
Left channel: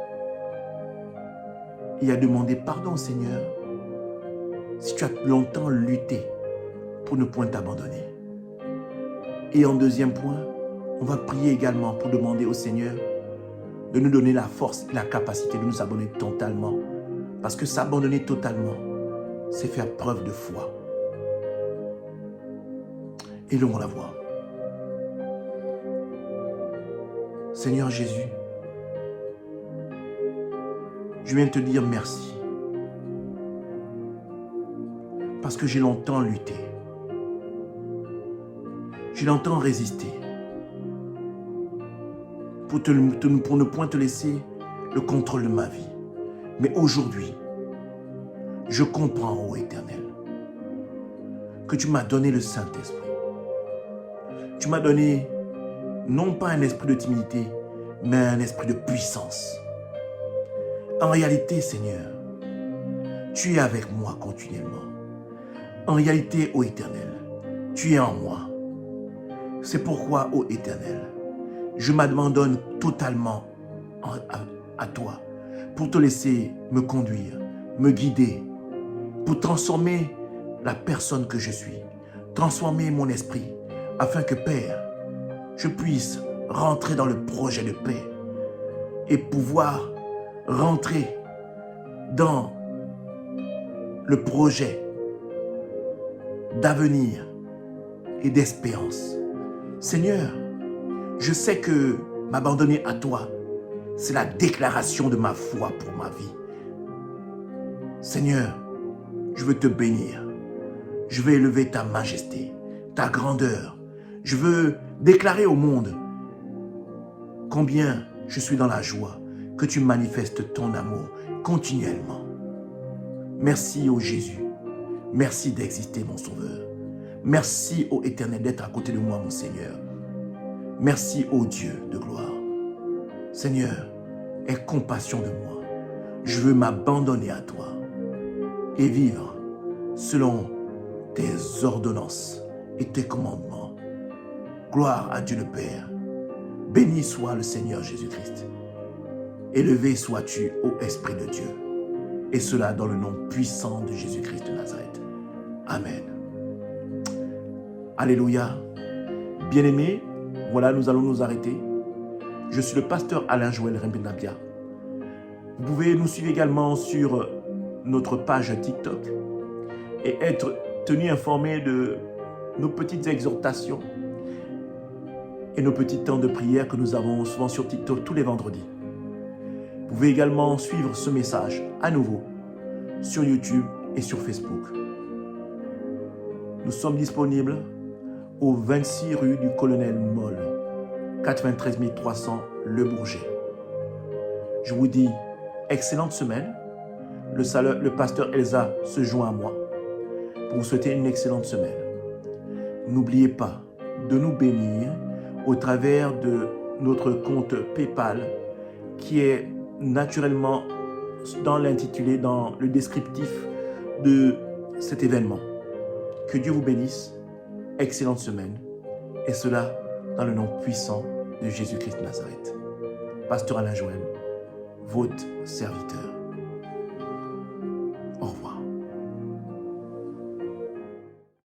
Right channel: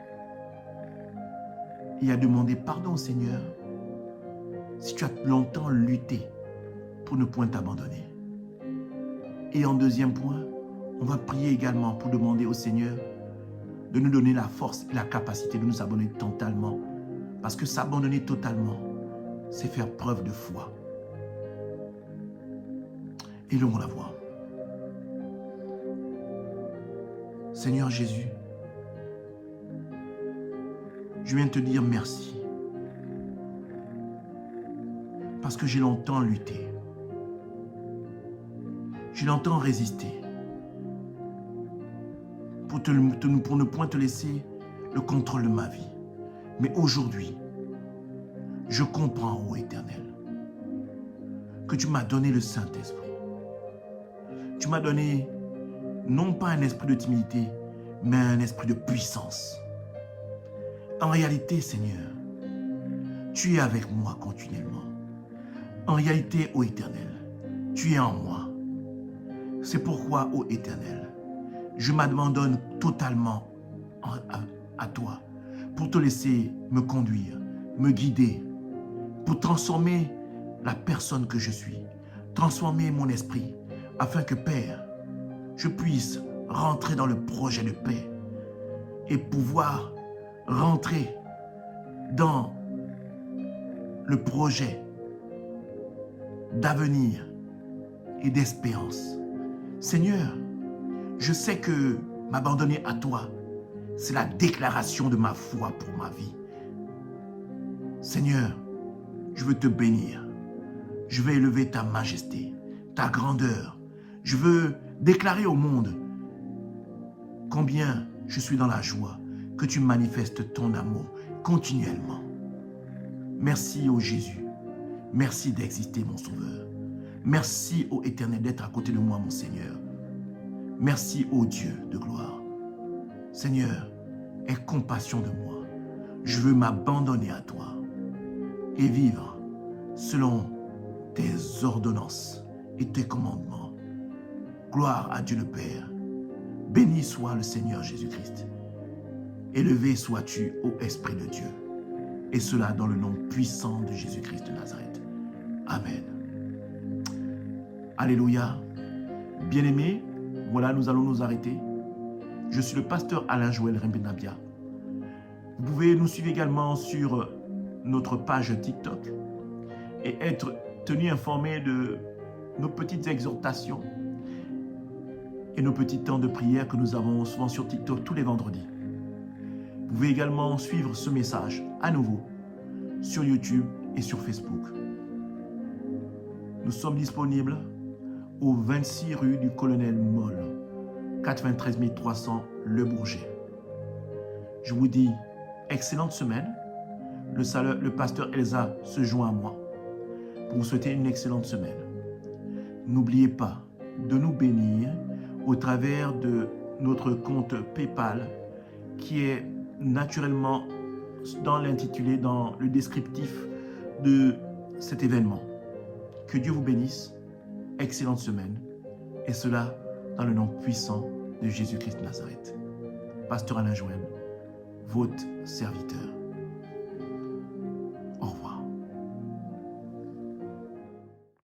et à demander pardon au Seigneur si tu as longtemps lutté pour ne point t'abandonner. Et en deuxième point, on va prier également pour demander au Seigneur de nous donner la force et la capacité de nous abandonner totalement. Parce que s'abandonner totalement, c'est faire preuve de foi. Élevons la voix. Seigneur Jésus, je viens te dire merci. Parce que j'ai longtemps lutté. J'ai longtemps résisté. Pour ne point te laisser le contrôle de ma vie. Mais aujourd'hui, je comprends, ô Éternel, que tu m'as donné le Saint-Esprit. Tu m'as donné non pas un esprit de timidité, mais un esprit de puissance. En réalité, Seigneur, tu es avec moi continuellement. En réalité, ô Éternel, tu es en moi. C'est pourquoi, ô Éternel, je m'abandonne totalement à toi pour te laisser me conduire, me guider, pour transformer la personne que je suis, transformer mon esprit, afin que, Père, je puisse rentrer dans le projet de paix et pouvoir rentrer dans le projet d'avenir et d'espérance. Seigneur, je sais que m'abandonner à toi, c'est la déclaration de ma foi pour ma vie. Seigneur, je veux te bénir. Je veux élever ta majesté, ta grandeur. Je veux déclarer au monde combien Je suis dans la joie que tu manifestes ton amour continuellement. Merci, ô Jésus. Merci d'exister, mon Sauveur. Merci, ô Éternel, d'être à côté de moi, mon Seigneur. Merci, ô Dieu de gloire. Seigneur, aie compassion de moi. Je veux m'abandonner à toi et vivre selon tes ordonnances et tes commandements. Gloire à Dieu le Père. Béni soit le Seigneur Jésus-Christ. Élevé sois-tu, ô Esprit de Dieu. Et cela dans le nom puissant de Jésus-Christ de Nazareth. Amen. Alléluia. Bien-aimés, voilà, nous allons nous arrêter. Je suis le pasteur Alain Joël Rembenabia. Vous pouvez nous suivre également sur notre page TikTok et être tenu informé de nos petites exhortations et nos petits temps de prière que nous avons souvent sur TikTok tous les vendredis. Vous pouvez également suivre ce message à nouveau sur YouTube et sur Facebook. Nous sommes disponibles au 26 rue du Colonel Moll, 93 300 Le Bourget. Je vous dis excellente semaine. Le pasteur Elsa se joint à moi pour vous souhaiter une excellente semaine. N'oubliez pas de nous bénir au travers de notre compte PayPal qui est naturellement dans l'intitulé, dans le descriptif de cet événement. Que Dieu vous bénisse. Excellente semaine. Et cela dans le nom puissant de Jésus-Christ de Nazareth. Pasteur Alain Joël, votre serviteur.